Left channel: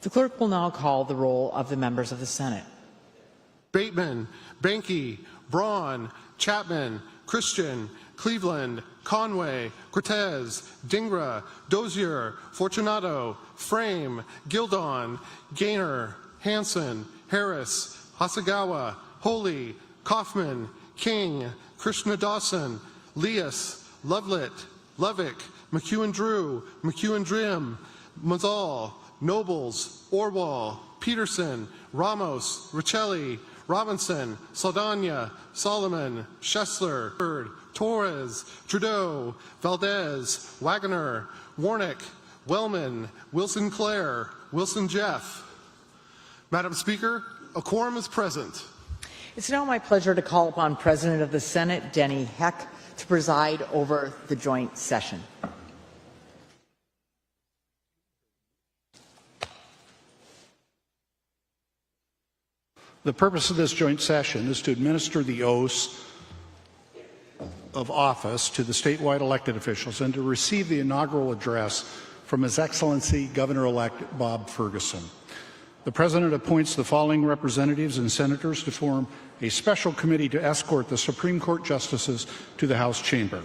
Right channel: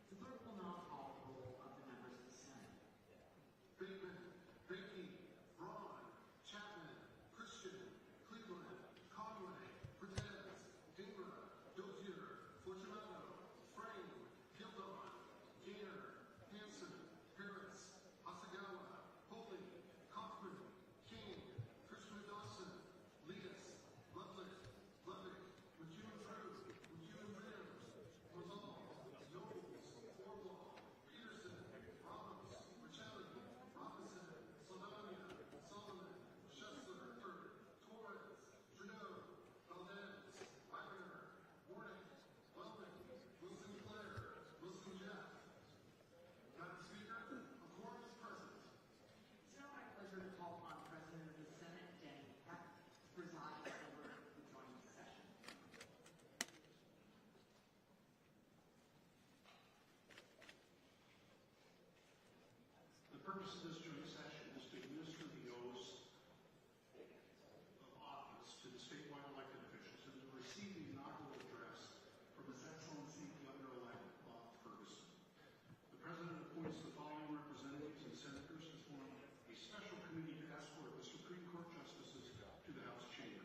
The clerk will now call the roll of the members of the Senate. Bateman, Banky, Braun, Chapman, Christian, Cleveland, Conway, Cortez, Dingra, Dozier, Fortunato, Frame, Gildon, Gaynor, Hansen, Harris, Hasagawa, Holy, Kaufman, King, Krishna Dawson, Leas, Lovelit, Lovick, McEwen-Drew, McEwen-Drim, Mazal, Nobles, Orwell, Peterson, Ramos, Richelli, Robinson, Saldana, Solomon, Schessler, Bird, Torres, Trudeau, Valdez, Wagner, Warnick, Wellman, Wilson-Clare, Wilson-Jeff. Madam Speaker, a quorum is present. It's now my pleasure to call upon President of the Senate, Denny Heck, to preside over the joint session. The purpose of this joint session is to administer the oaths of office to the statewide elected officials and to receive the inaugural address from His Excellency Governor-elect Bob Ferguson. The President appoints the following representatives and senators to form a special committee to escort the Supreme Court justices to the House chamber.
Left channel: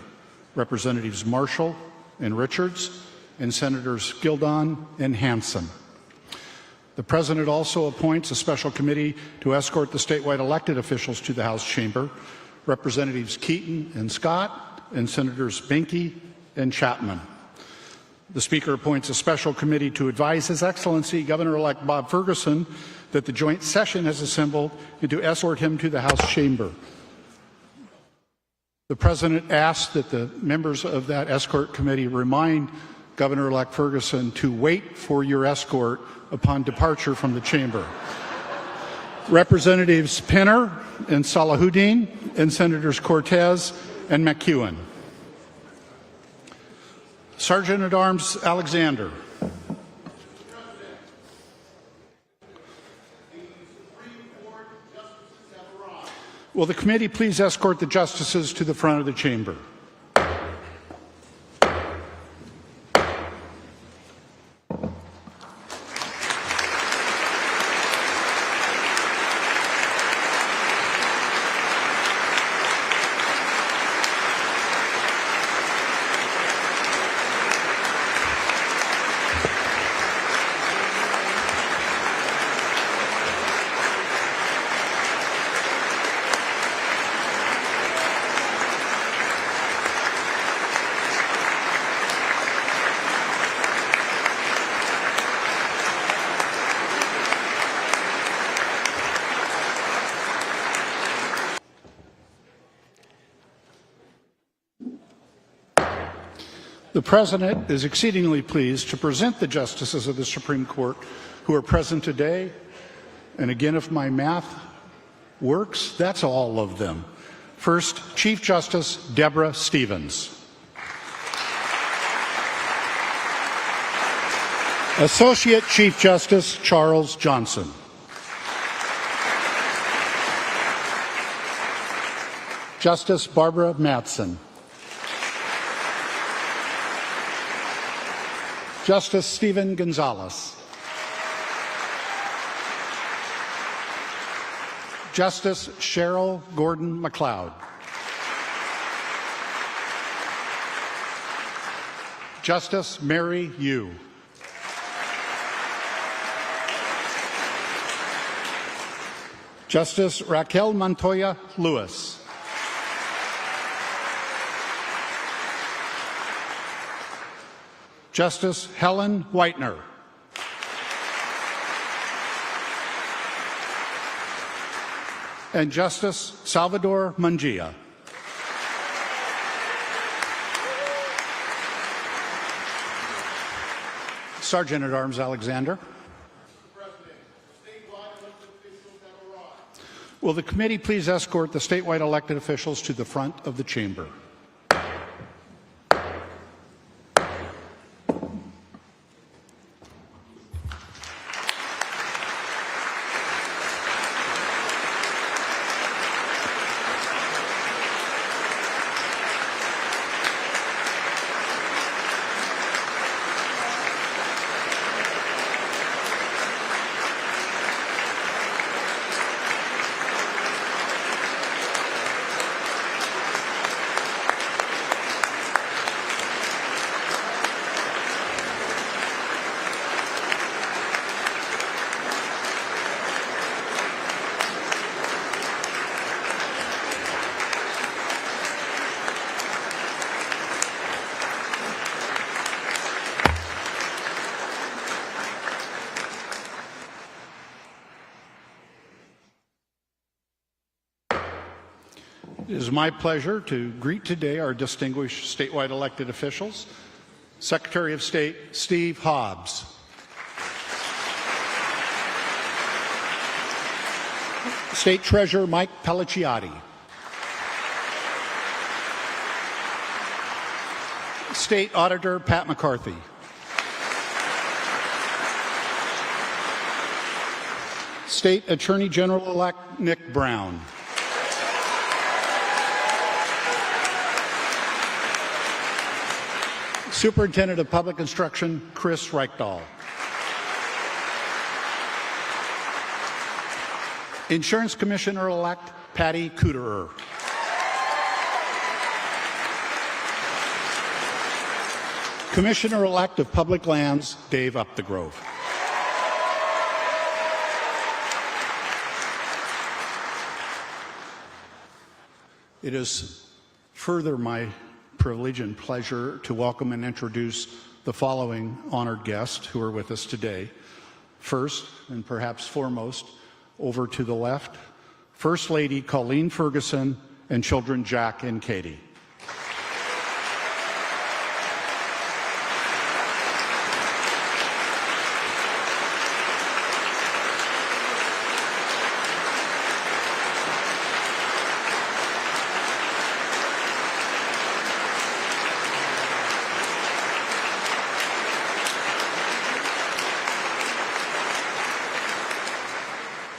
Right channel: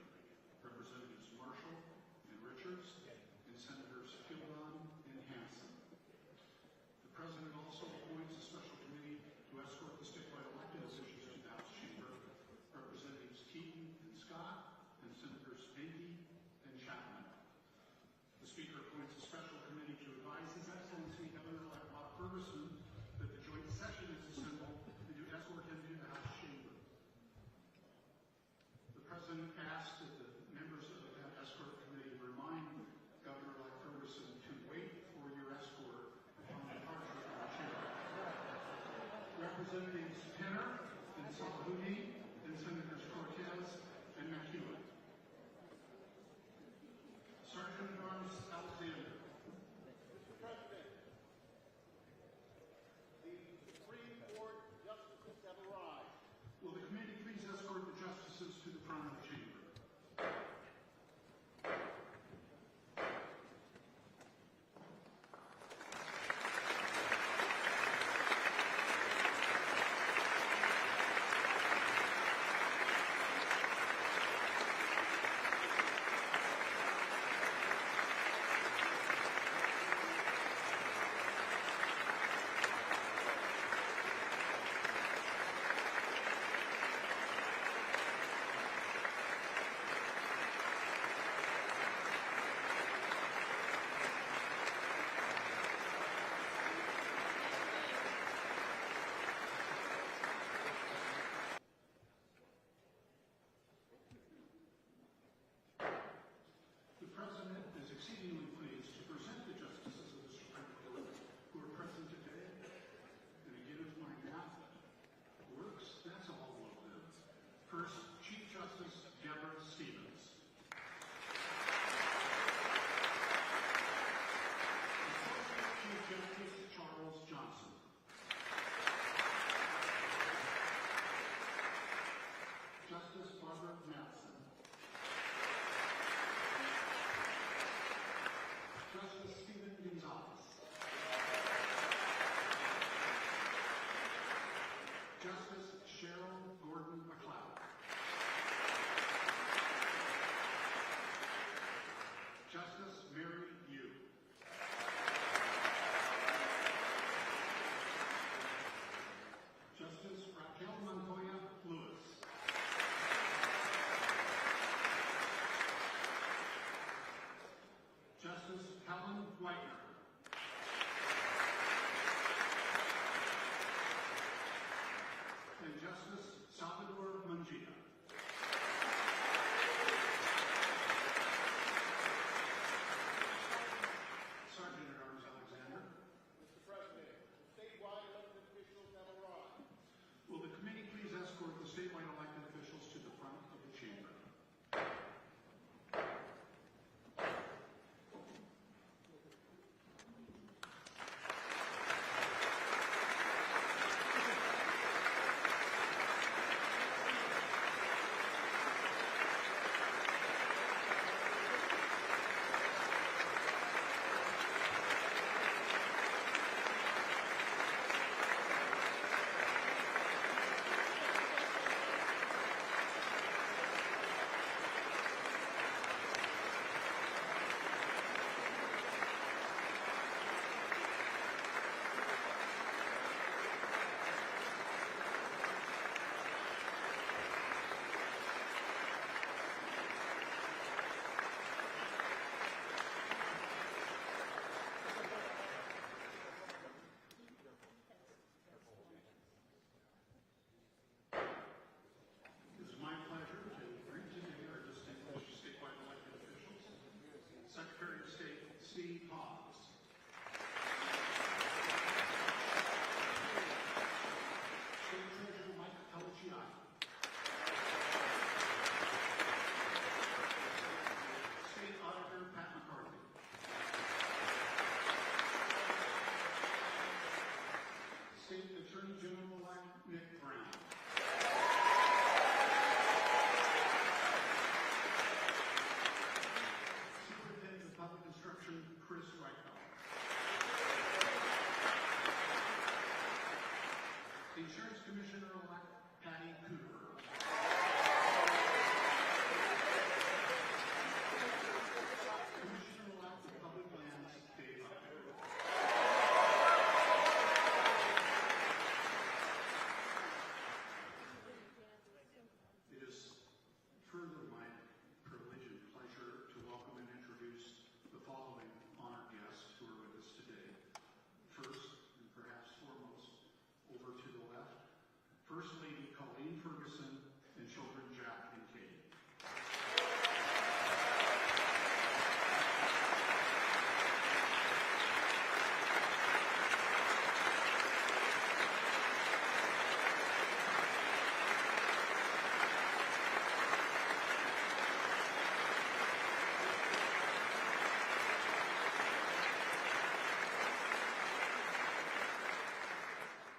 Representatives Marshall and Richards and Senators Gildon and Hansen. The President also appoints a special committee to escort the statewide elected officials to the House chamber. Representatives Keaton and Scott and Senators Banky and Chapman. The Speaker appoints a special committee to advise His Excellency Governor-elect Bob Ferguson that the joint session has assembled and to escort him to the House chamber. The President asks that the members of that escort committee remind Governor-elect Ferguson to wait for your escort upon departure from the chamber. Representatives Pinner and Salahuddin and Senators Cortez and McEwen. Sergeant-at-Arms Alexander. Will the committee please escort the justices to the front of the chamber? The President is exceedingly pleased to present the justices of the Supreme Court who are present today. And again, if my math works, that's all of them. First, Chief Justice Deborah Stevens. Associate Chief Justice Charles Johnson. Justice Barbara Mattson. Justice Stephen Gonzalez. Justice Cheryl Gordon McLeod. Justice Mary Yu. Justice Raquel Montoya Lewis. Justice Helen Whitener. And Justice Salvador Munguia. Sergeant-at-Arms Alexander. Will the committee please escort the statewide elected officials to the front of the chamber? It is my pleasure to greet today our distinguished statewide elected officials. Secretary of State Steve Hobbs. State Treasurer Mike Pelliciotti. State Auditor Pat McCarthy. State Attorney General-elect Nick Brown. Superintendent of Public Instruction Chris Reichdahl. Insurance Commissioner-elect Patty Kuderer. Commissioner-elect of Public Lands Dave Upthegrove. It is further my privilege and pleasure to welcome and introduce the following honored guests who are with us today. First, and perhaps foremost, over to the left, First Lady Colleen Ferguson and children Jack and Katie.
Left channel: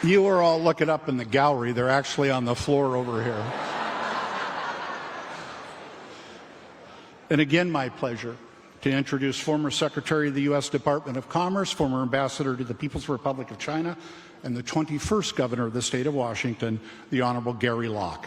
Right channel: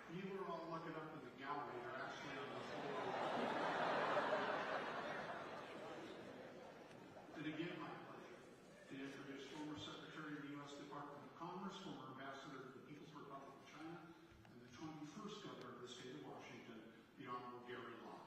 You are all looking up in the gallery. They're actually on the floor over here. And again, my pleasure to introduce former Secretary of the U.S. Department of Commerce, former Ambassador to the People's Republic of China, and the 21st Governor of the State of Washington, the Honorable Gary Locke.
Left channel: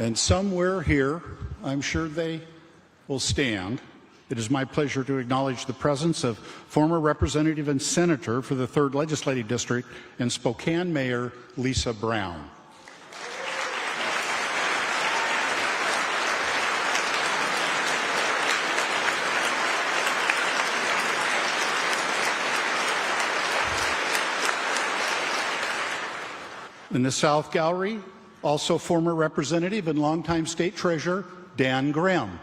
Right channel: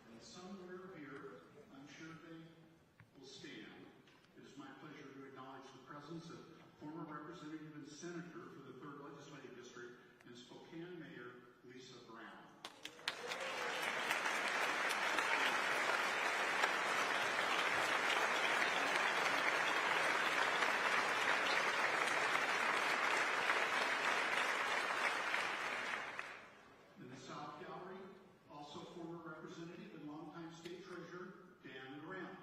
And somewhere here, I'm sure they will stand. It is my pleasure to acknowledge the presence of former Representative and Senator for the 3rd Legislative District and Spokane Mayor Lisa Brown. In the South Gallery, also former Representative and longtime State Treasurer Dan Graham.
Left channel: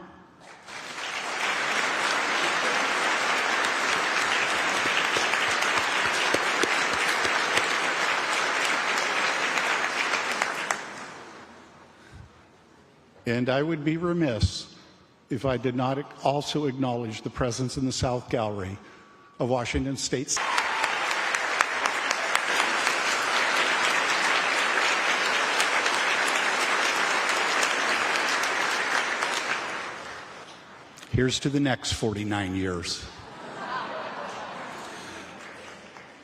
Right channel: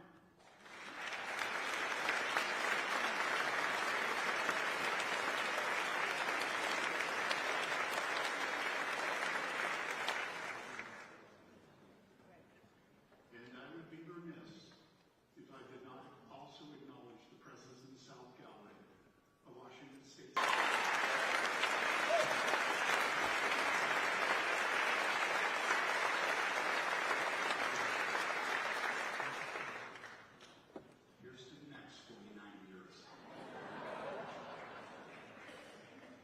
And I would be remiss if I did not also acknowledge the presence in the South Gallery of Washington State. Here's to the next 49 years.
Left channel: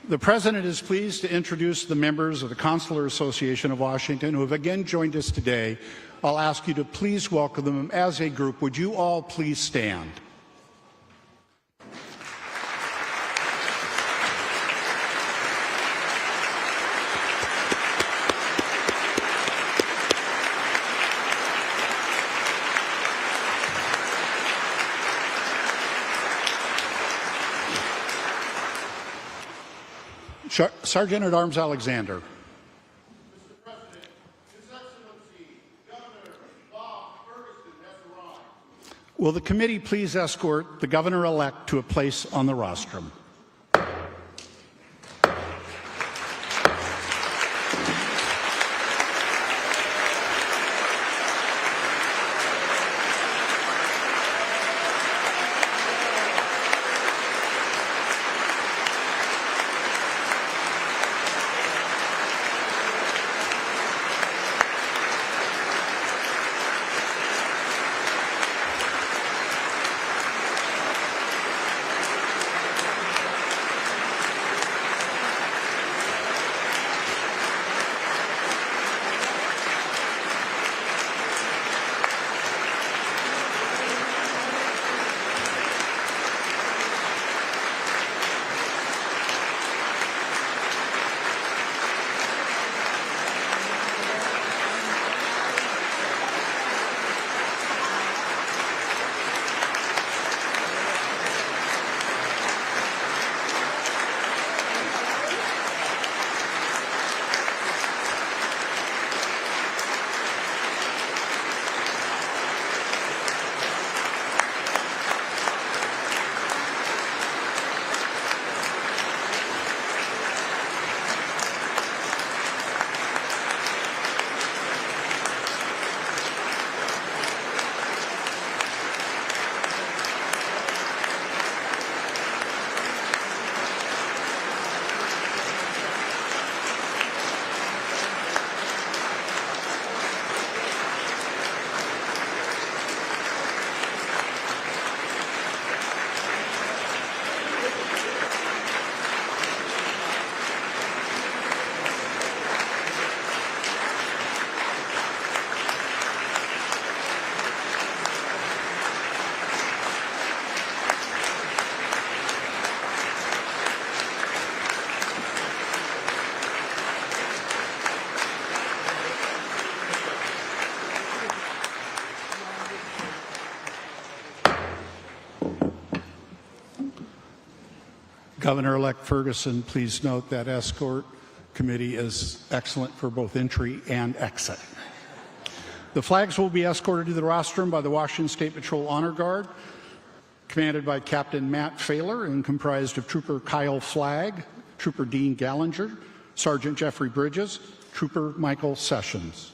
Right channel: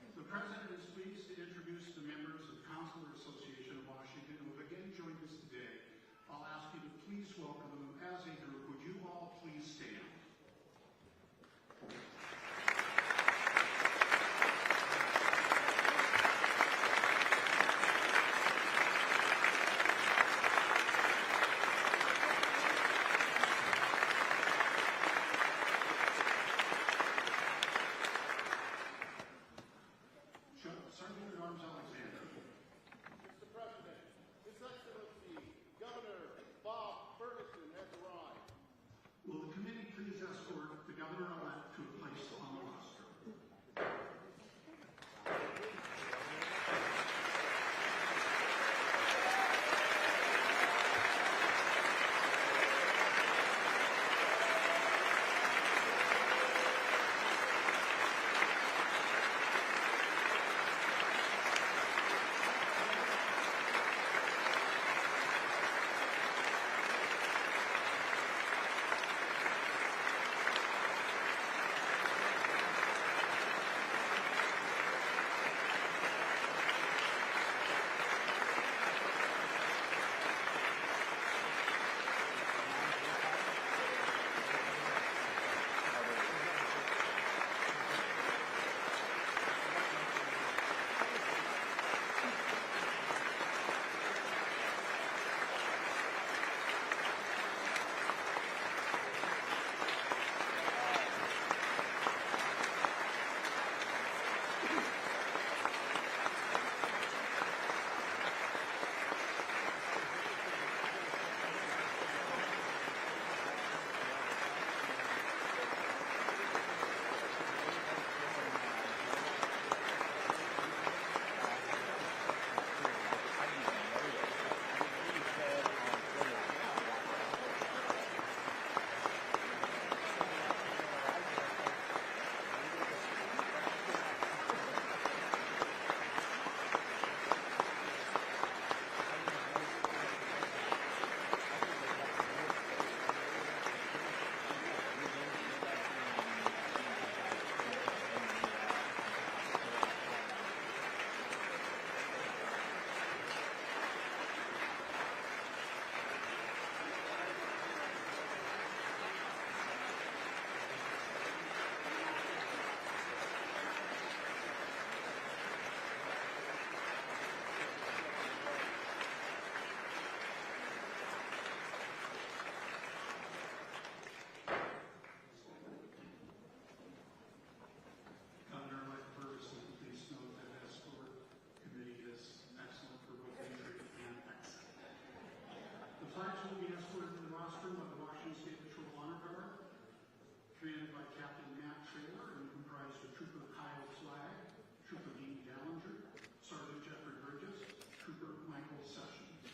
The President is pleased to introduce the members of the Consular Association of Washington who have again joined us today. I'll ask you to please welcome them as a group. Would you all please stand? Sergeant at Arms Alexander. Mr. President, His Excellency, Governor Bob Ferguson has arrived. Will the committee please escort the Governor-elect to a place on the rostrum? Governor-elect Ferguson, please note that escort committee is excellent for both entry and exit. The flags will be escorted to the rostrum by the Washington State Patrol Honor Guard, commanded by Captain Matt Failer and comprised of Trooper Kyle Flagg, Trooper Dean Gallinger, Sergeant Jeffrey Bridges, Trooper Michael Sessions.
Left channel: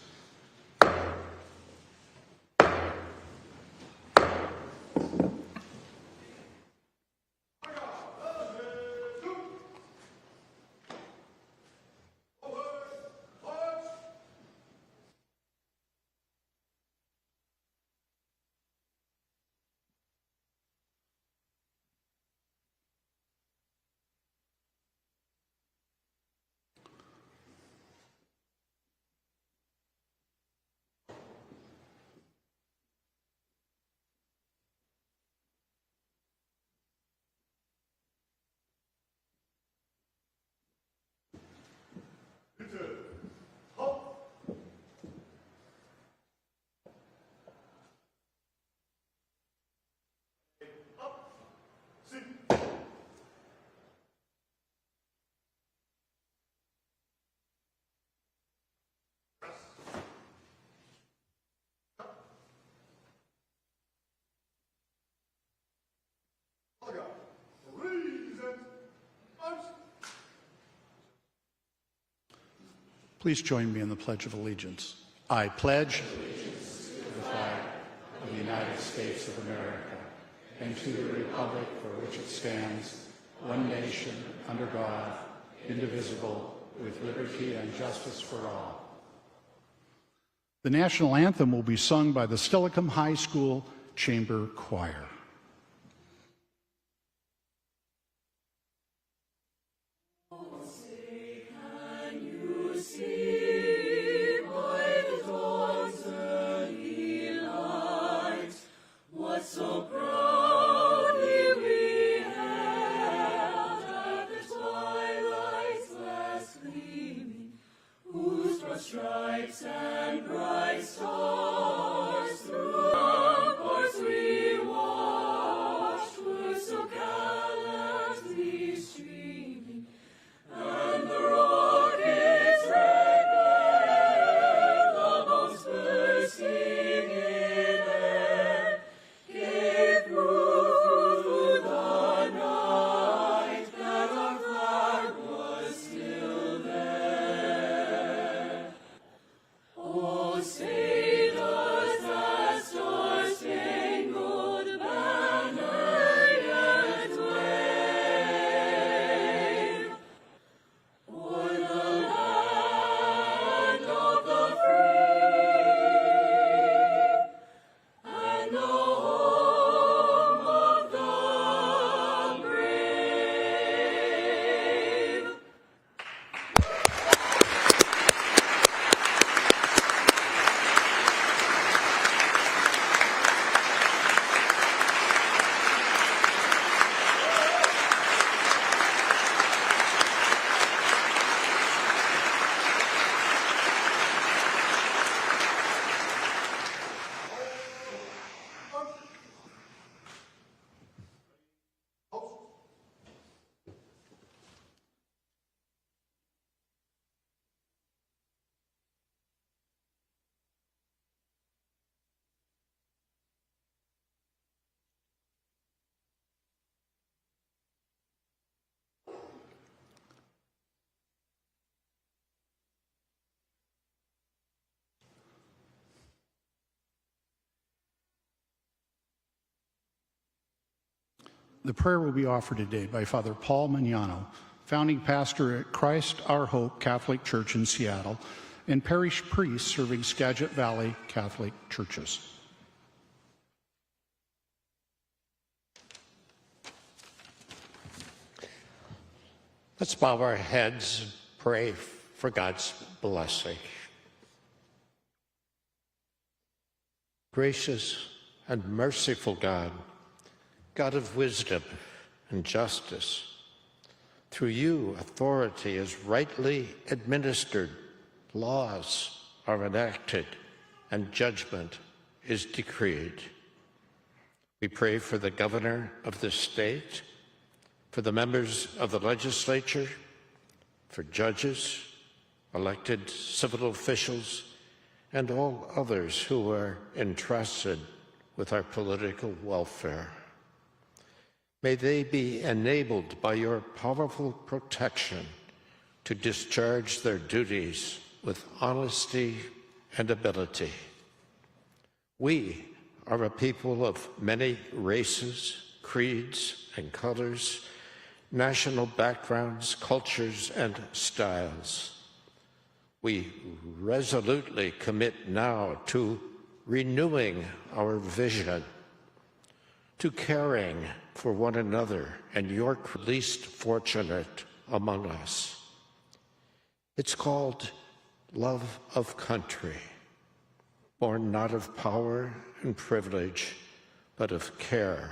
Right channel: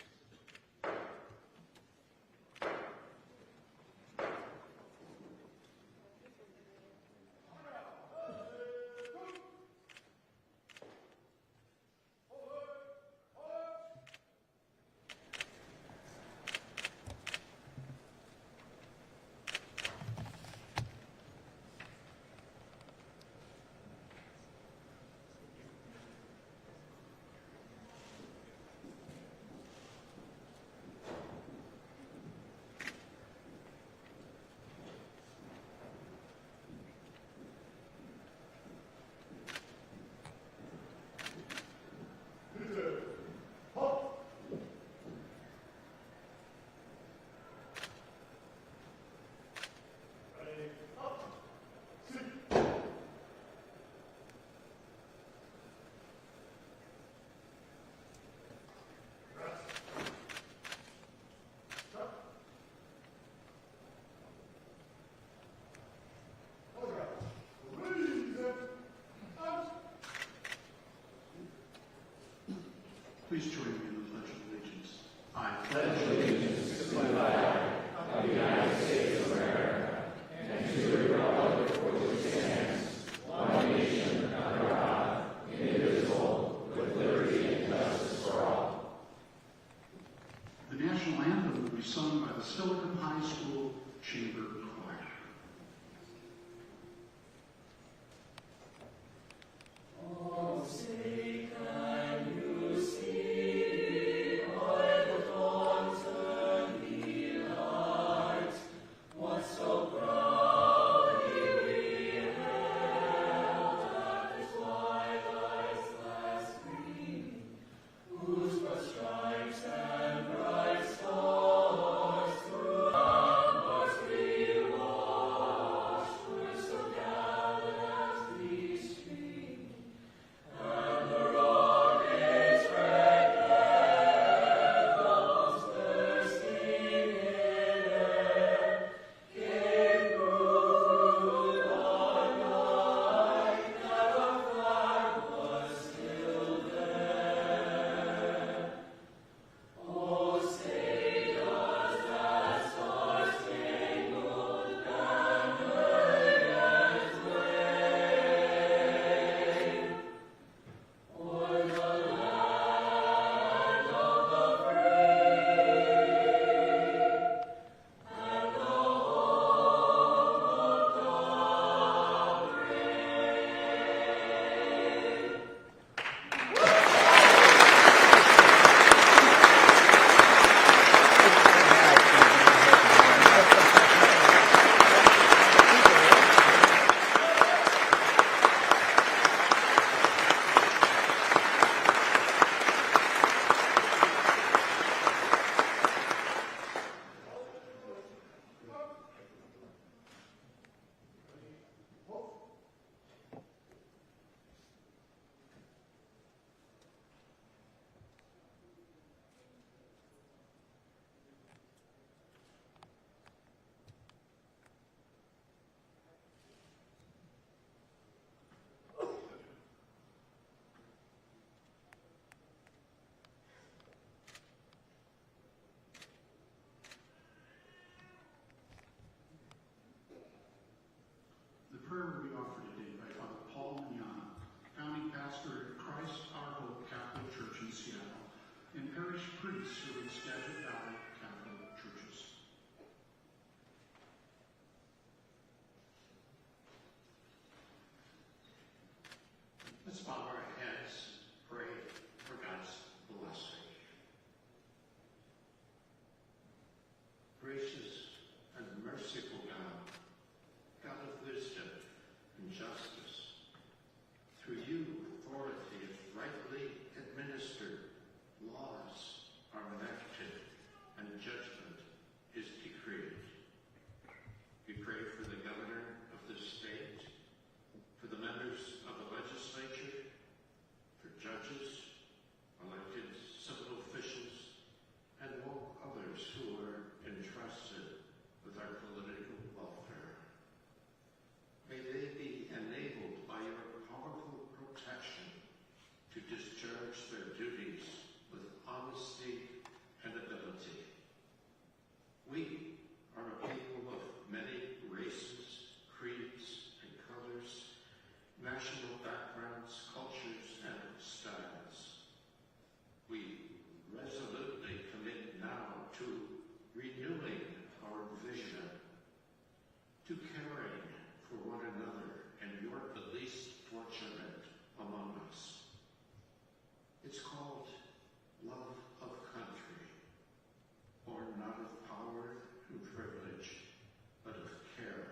Please join me in the Pledge of Allegiance. I pledge allegiance to the flag of the United States of America and to the republic for which it stands, one nation under God, indivisible, with liberty and justice for all. The national anthem will be sung by the Steilacoom High School Chamber Choir. The prayer will be offered today by Father Paul Magnano, founding pastor at Christ Our Hope Catholic Church in Seattle, and parish priest serving Skagit Valley Catholic churches. Let's bow our heads and pray for God's blessing. Gracious and merciful God, God of wisdom and justice, through you authority is rightly administered, laws are enacted, and judgment is decreed. We pray for the governor of the state, for the members of the legislature, for judges, elected civil officials, and all others who are entrusted with our political welfare. May they be enabled by your powerful protection to discharge their duties with honesty and ability. We are a people of many races, creeds, and colors, national backgrounds, cultures, and styles. We resolutely commit now to renewing our vision, to caring for one another and your least fortunate among us. It's called love of country, born not of power and privilege, but of care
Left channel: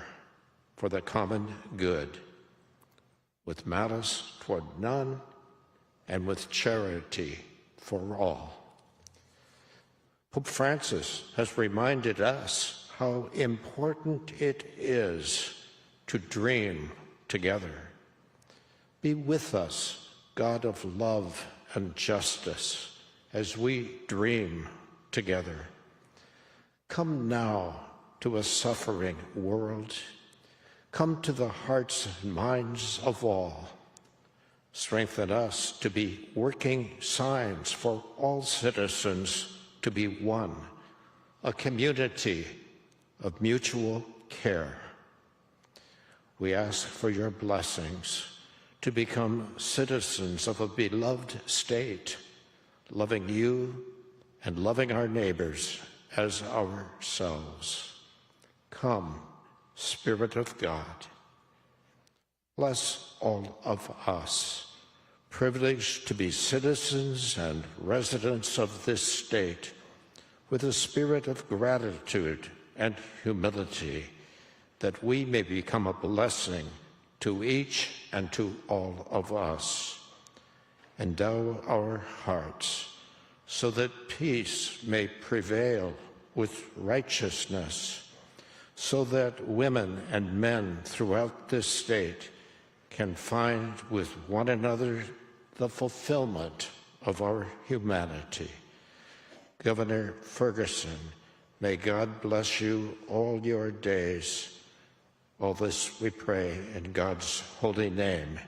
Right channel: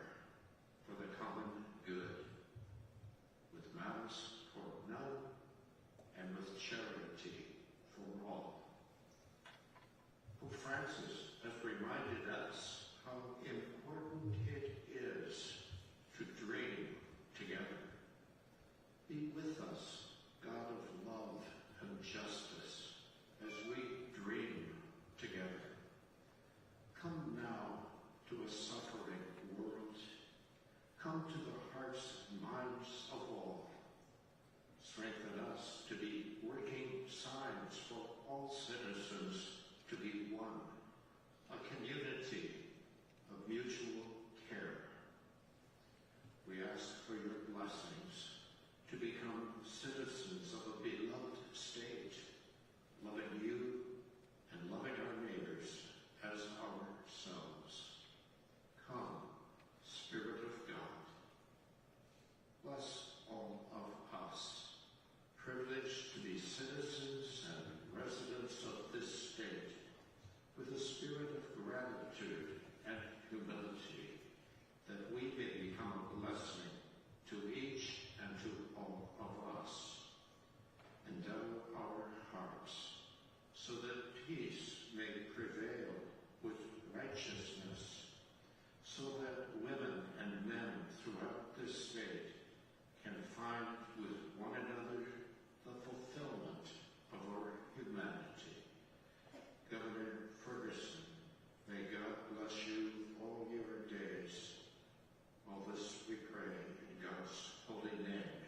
for the common good, with malice toward none and with charity for all. Pope Francis has reminded us how important it is to dream together. Be with us, God of love and justice, as we dream together. Come now to a suffering world. Come to the hearts and minds of all. Strengthen us to be working signs for all citizens to be one, a community of mutual care. We ask for your blessings to become citizens of a beloved state, loving you and loving our neighbors as ourselves. Come, Spirit of God. Bless all of us, privileged to be citizens and residents of this state, with a spirit of gratitude and humility, that we may become a blessing to each and to all of us. Endow our hearts so that peace may prevail with righteousness, so that women and men throughout this state can find with one another the fulfillment of our humanity. Governor Ferguson, may God bless you all your days. All this we pray in God's holy name.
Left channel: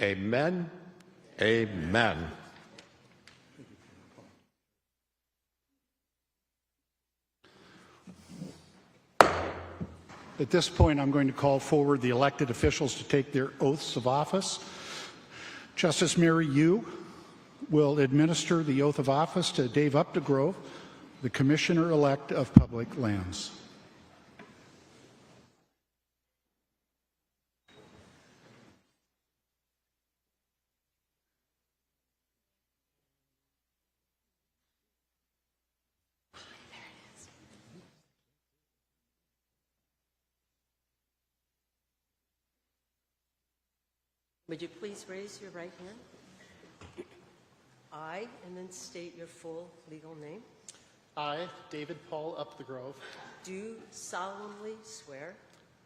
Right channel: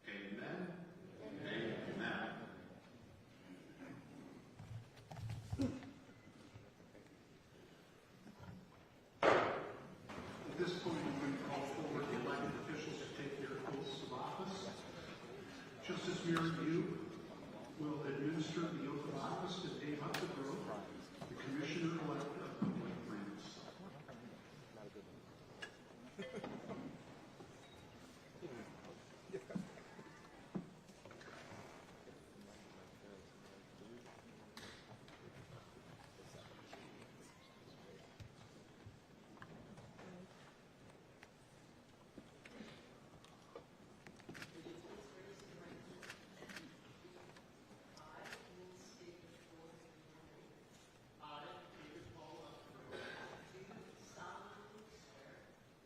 Amen. Amen. At this point, I'm going to call forward the elected officials to take their oaths of office. Justice Mary Yu will administer the oath of office to Dave Updegrove, the Commissioner-elect of Public Lands. Would you please raise your right hand? I, and then state your full legal name, I, David Paul Updegrove, do solemnly swear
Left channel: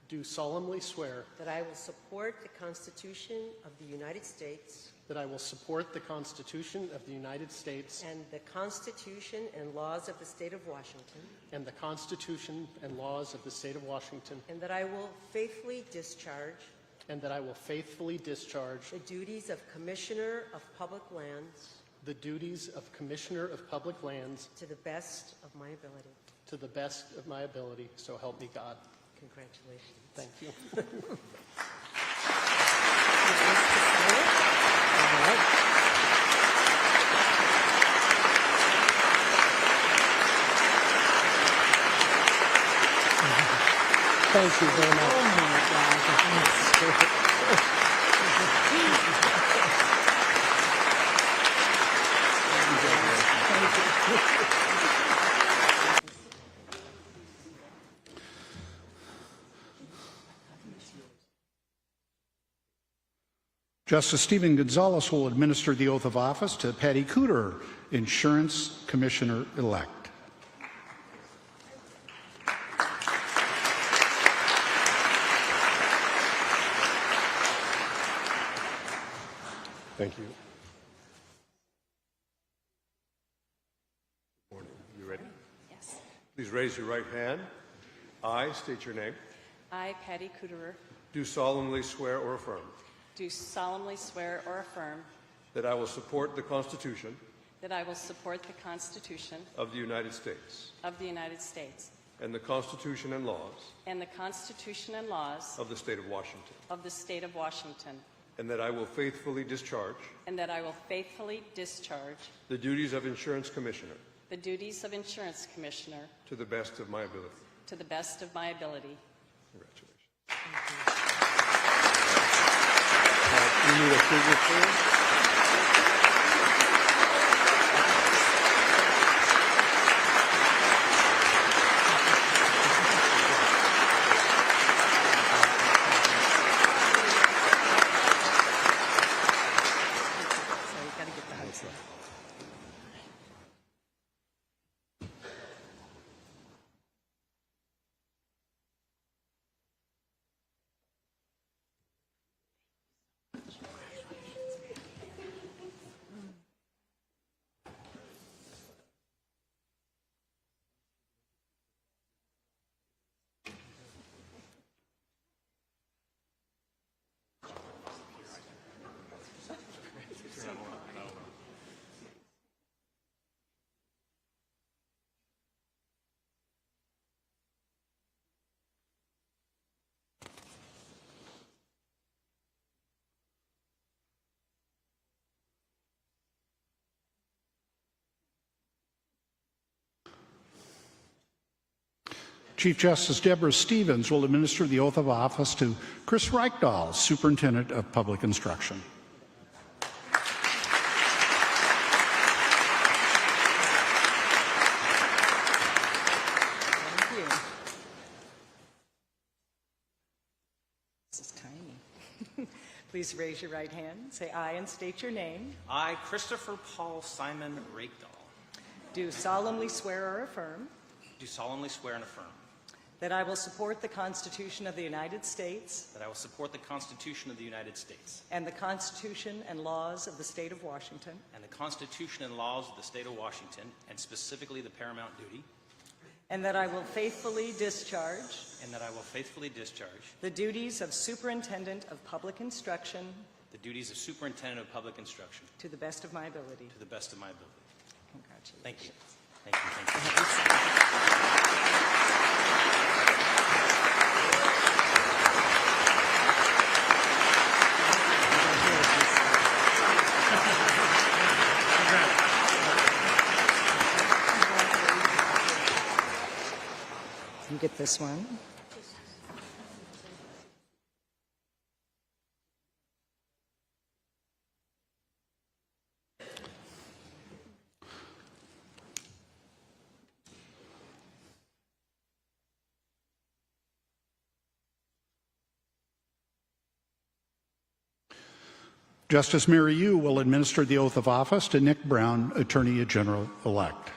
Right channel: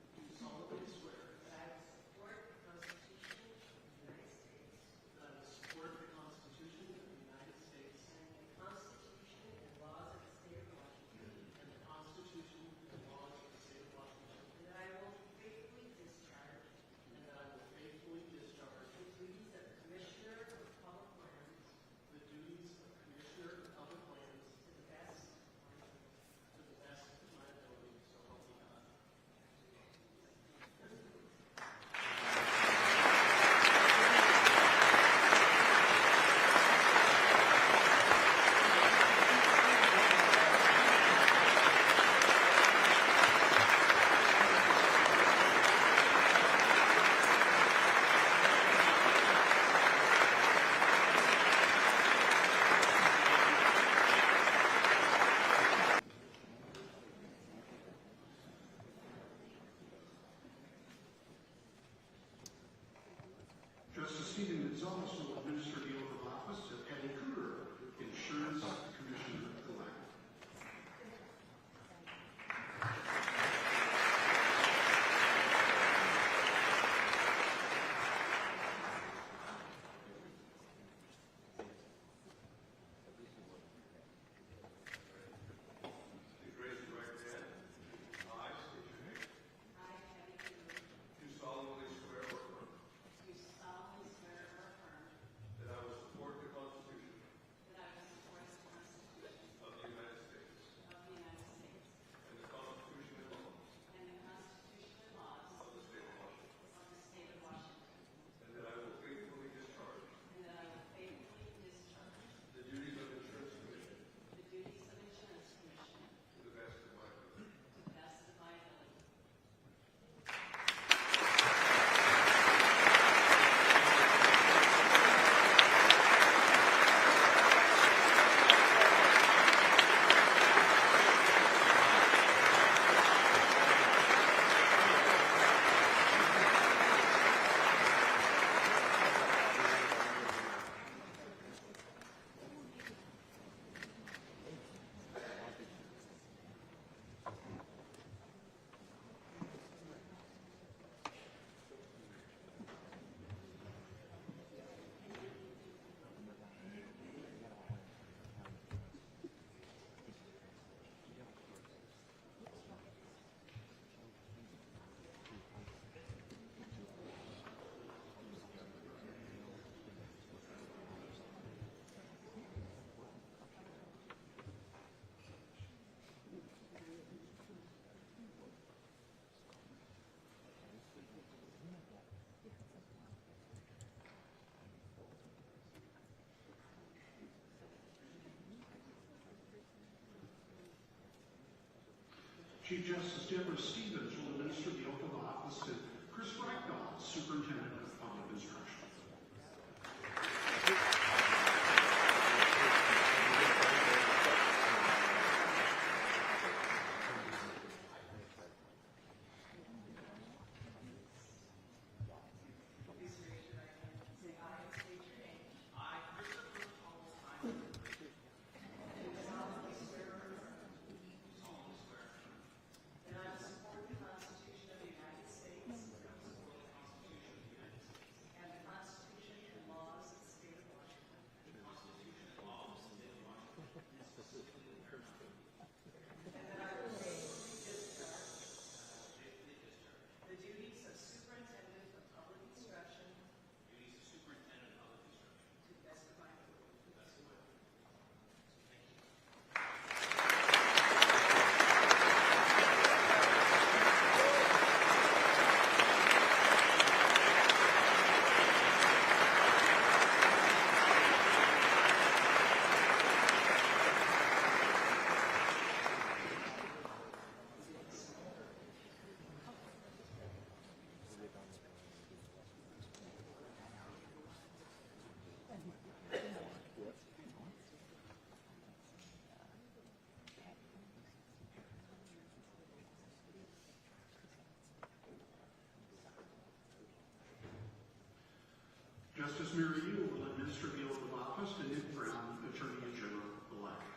do solemnly swear that I will support the Constitution of the United States that I will support the Constitution of the United States and the Constitution and laws of the State of Washington, and the Constitution and laws of the State of Washington, and that I will faithfully discharge and that I will faithfully discharge the duties of Commissioner of Public Lands the duties of Commissioner of Public Lands to the best of my ability. to the best of my ability, so help me God. Congratulations. Thank you. Thank you very much. Oh my God. Justice Stephen Gonzalez will administer the oath of office to Patty Cooter, Insurance Commissioner-elect. Thank you. You ready? Yes. Please raise your right hand. I state your name. I, Patty Kuderer, Do solemnly swear or affirm do solemnly swear or affirm that I will support the Constitution that I will support the Constitution of the United States of the United States and the Constitution and laws and the Constitution and laws of the State of Washington, of the State of Washington, and that I will faithfully discharge and that I will faithfully discharge the duties of Insurance Commissioner the duties of Insurance Commissioner to the best of my ability. to the best of my ability. Congratulations. We need a signature. So you got to get the house in. Chief Justice Deborah Stevens will administer the oath of office to Chris Reichdahl, Superintendent of Public Instruction. Thank you. This is tiny. Please raise your right hand. Say aye and state your name. I, Christopher Paul Simon Rakedahl, Do solemnly swear or affirm do solemnly swear and affirm that I will support the Constitution of the United States that I will support the Constitution of the United States and the Constitution and laws of the State of Washington, and the Constitution and laws of the State of Washington, and specifically the paramount duty, and that I will faithfully discharge and that I will faithfully discharge the duties of Superintendent of Public Instruction the duties of Superintendent of Public Instruction to the best of my ability. to the best of my ability. Congratulations. Thank you. Thank you. Thank you. You get this one. Justice Mary Yu will administer the oath of office to Nick Brown, Attorney General-elect.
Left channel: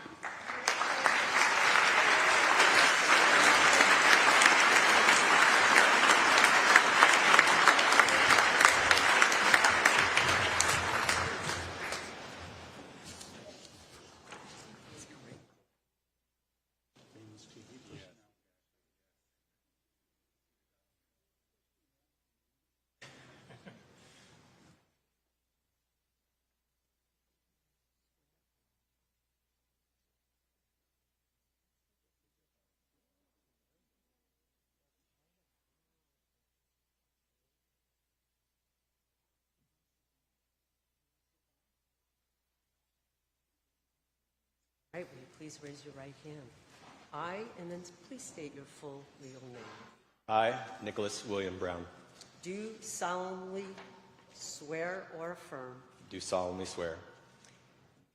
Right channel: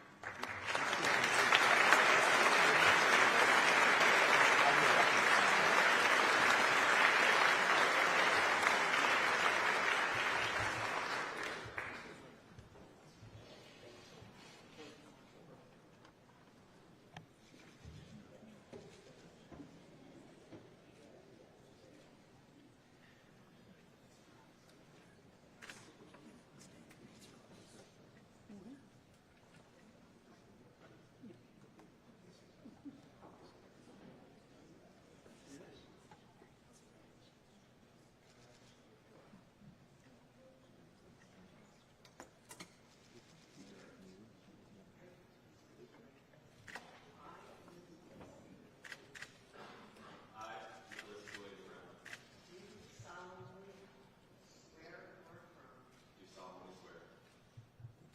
All right, will you please raise your right hand? I, and then please state your full legal name. I, Nicholas William Brown, Do solemnly swear or affirm do solemnly swear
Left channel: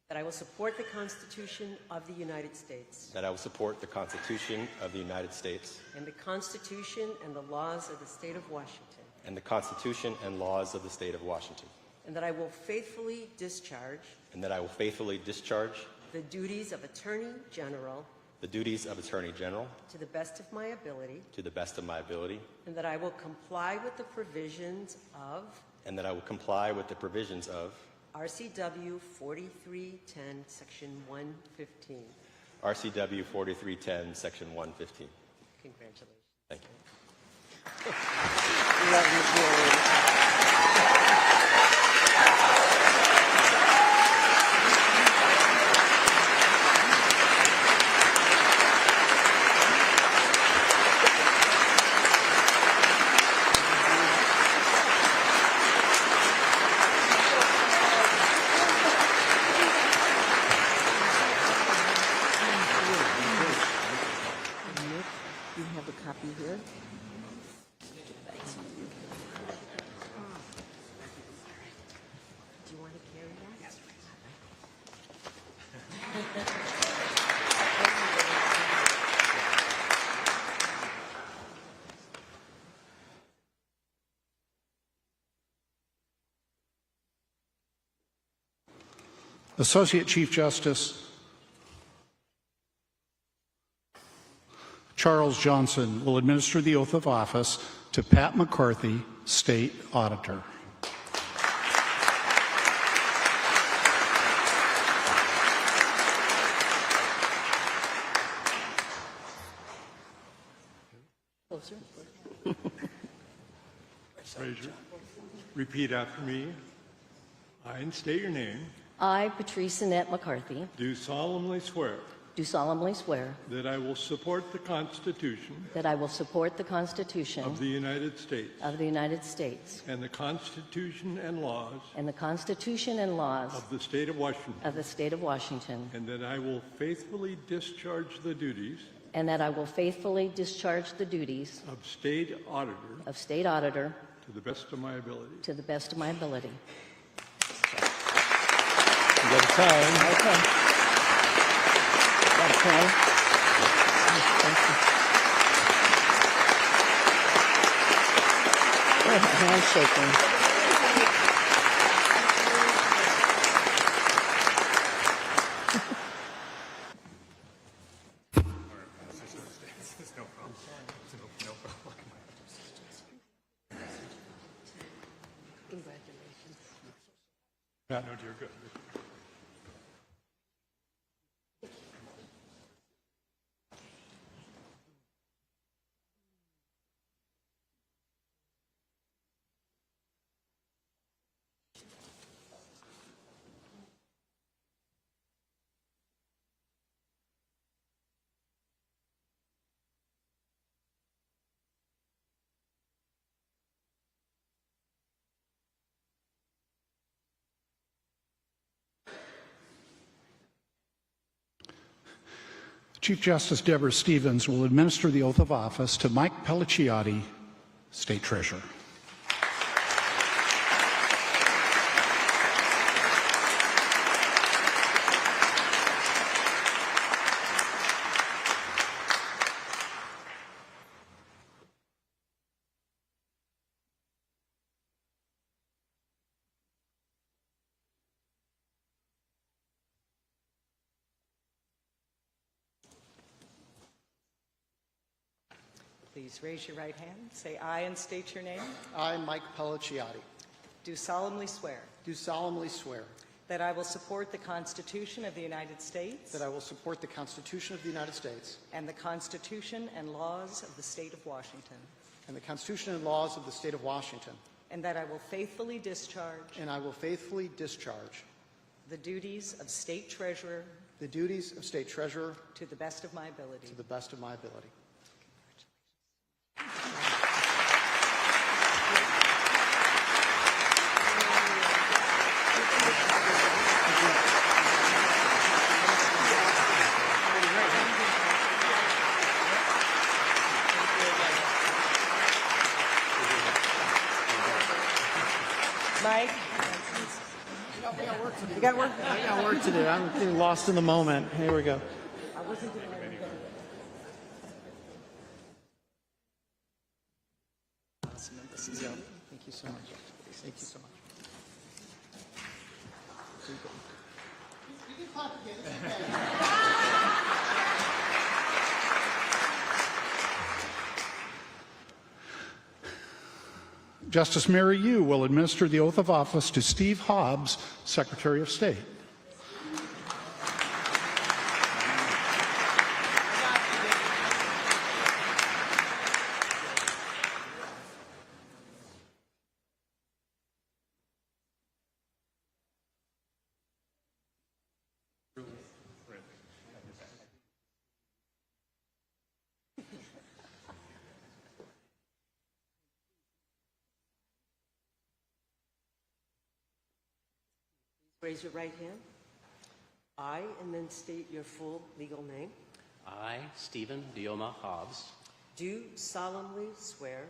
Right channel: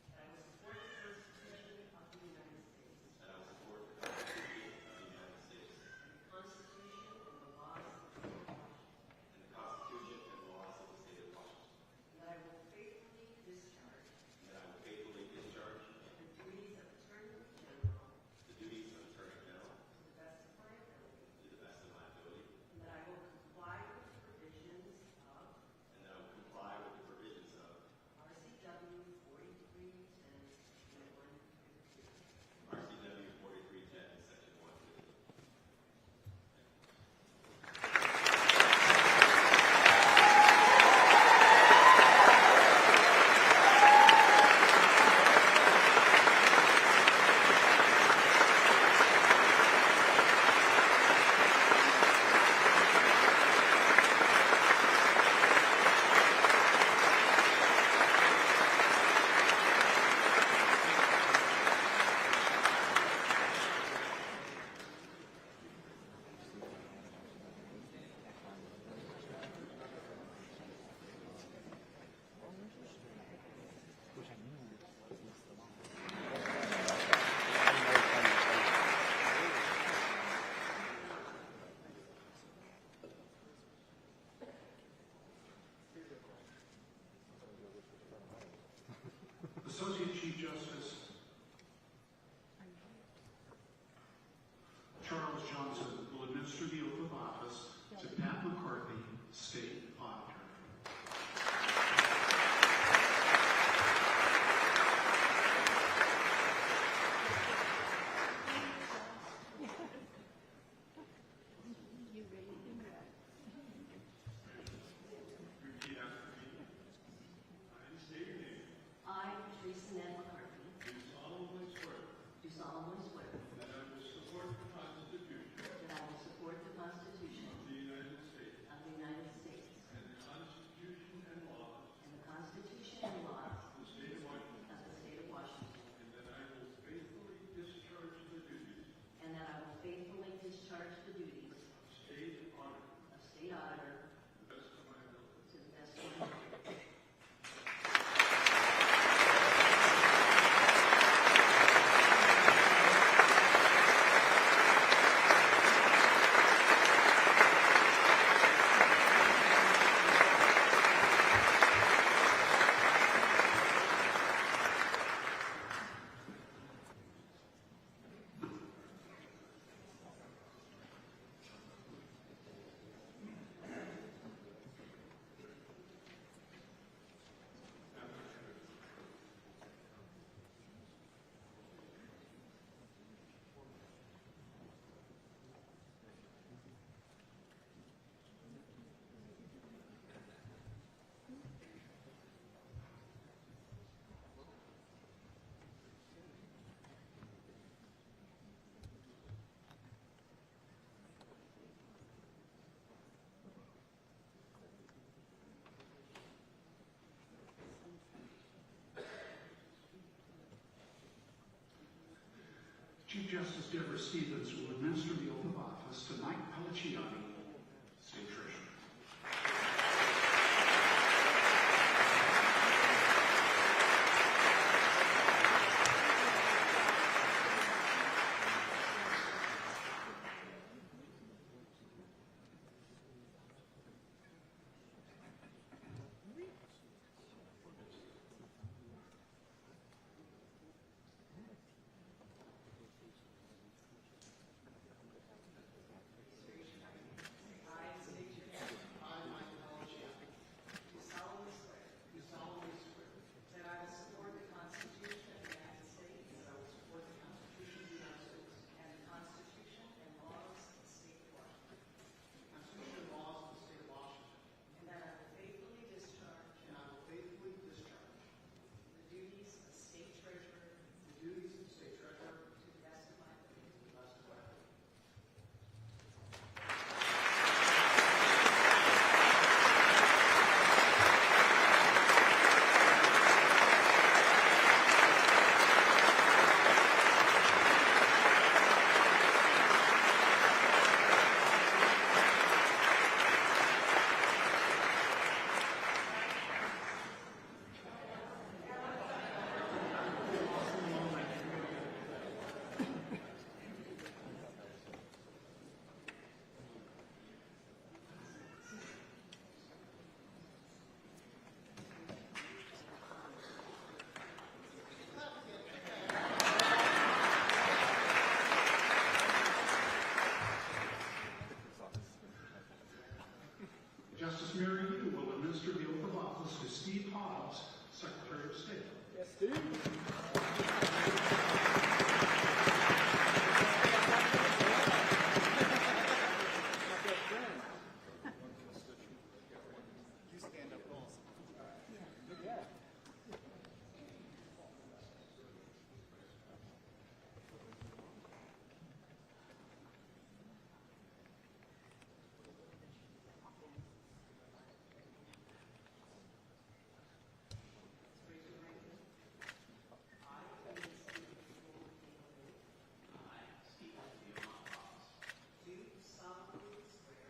that I will support the Constitution of the United States that I will support the Constitution of the United States and the Constitution and the laws of the State of Washington, and the Constitution and laws of the State of Washington, and that I will faithfully discharge and that I will faithfully discharge the duties of Attorney General the duties of Attorney General to the best of my ability, to the best of my ability, and that I will comply with the provisions of and that I will comply with the provisions of RCW 4310, Section 115. RCW 4310, Section 115. Congratulations. Thank you. You have a copy here. Do you want to carry that? Associate Chief Justice Charles Johnson will administer the oath of office to Pat McCarthy, State Auditor. Closer. Repeat after me. I, and state your name, I, Patrice Annette McCarthy, do solemnly swear do solemnly swear that I will support the Constitution that I will support the Constitution of the United States of the United States and the Constitution and laws and the Constitution and laws of the State of Washington, of the State of Washington, and that I will faithfully discharge the duties and that I will faithfully discharge the duties of State Auditor of State Auditor to the best of my ability. to the best of my ability. You got to sign. Okay. Okay. Handshaking. No, you're good. Chief Justice Deborah Stevens will administer the oath of office to Mike Pelliciotti, State Treasurer. Please raise your right hand. Say aye and state your name. I, Mike Pelliciotti, Do solemnly swear do solemnly swear that I will support the Constitution of the United States that I will support the Constitution of the United States and the Constitution and laws of the State of Washington, and the Constitution and laws of the State of Washington, and that I will faithfully discharge and I will faithfully discharge the duties of State Treasurer the duties of State Treasurer to the best of my ability. to the best of my ability. Mike? You got work? I got work to do. I'm getting lost in the moment. Here we go. Thank you so much. Thank you so much. Justice Mary Yu will administer the oath of office to Steve Hobbs, Secretary of State. Raise your right hand. I, and then state your full legal name, I, Stephen Dioma Hobbs, do solemnly swear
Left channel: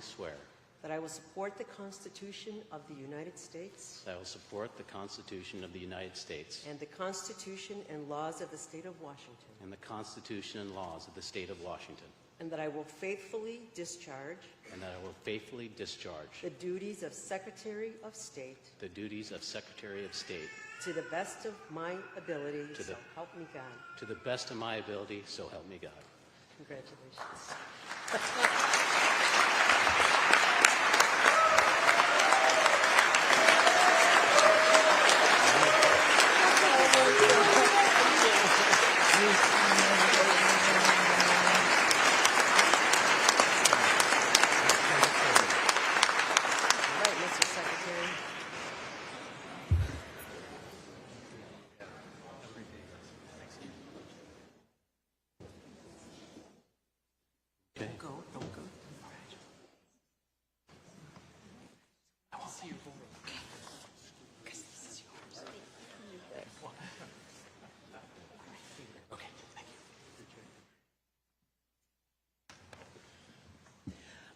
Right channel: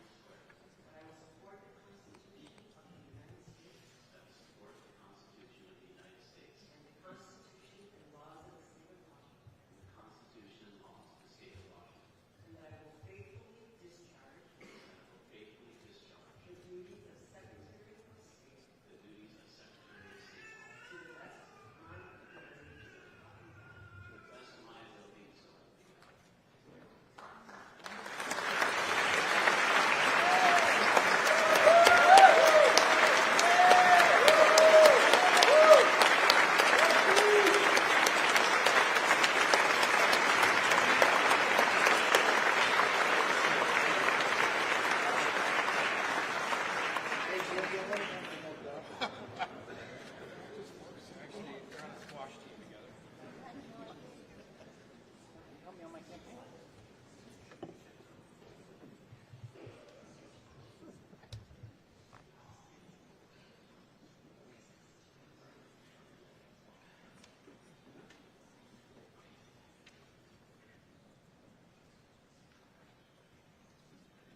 swear that I will support the Constitution of the United States that I will support the Constitution of the United States and the Constitution and laws of the State of Washington, and the Constitution and laws of the State of Washington, and that I will faithfully discharge and that I will faithfully discharge the duties of Secretary of State the duties of Secretary of State to the best of my ability, To so the- help me God. to the best of my ability, so help me God. Congratulations.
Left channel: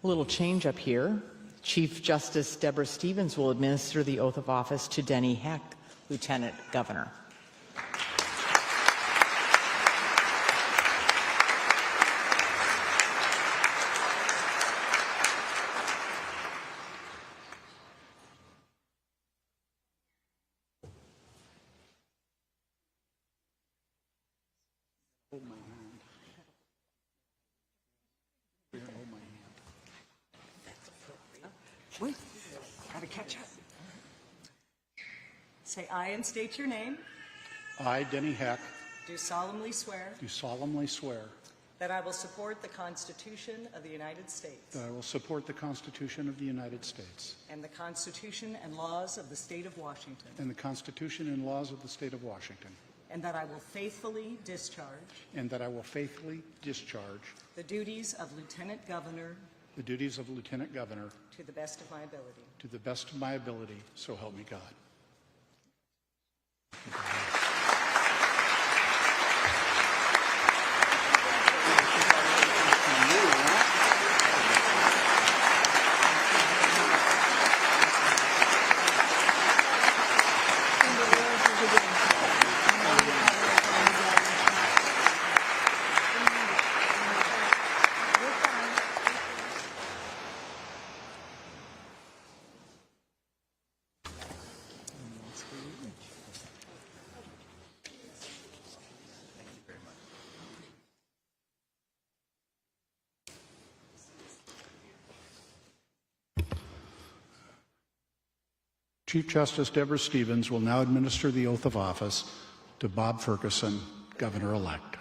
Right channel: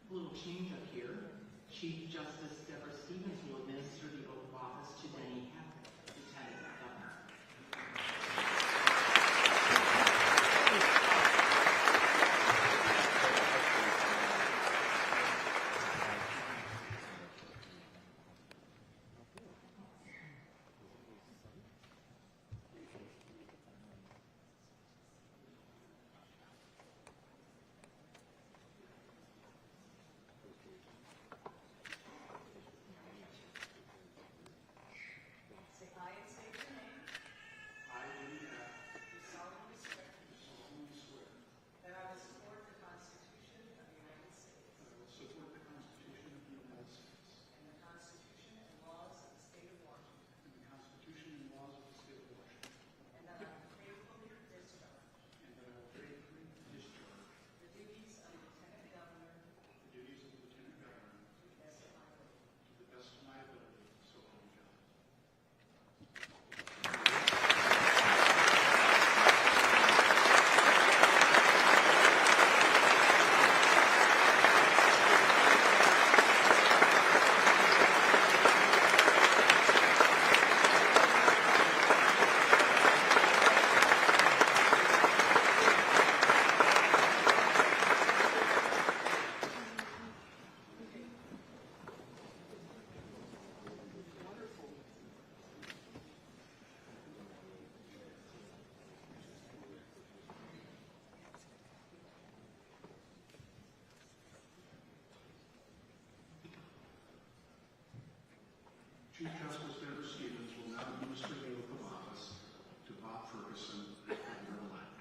A little change up here. Chief Justice Deborah Stevens will administer the oath of office to Denny Heck, Lieutenant Governor. Wait, gotta catch up. Say I and state your name. I, Denny Heck, Do solemnly swear do solemnly swear that I will support the Constitution of the United States that I will support the Constitution of the United States and the Constitution and laws of the State of Washington, and the Constitution and laws of the State of Washington, and that I will faithfully discharge and that I will faithfully discharge the duties of Lieutenant Governor the duties of Lieutenant Governor to the best of my ability. to the best of my ability, so help me God. Chief Justice Deborah Stevens will now administer the oath of office to Bob Ferguson, Governor-elect.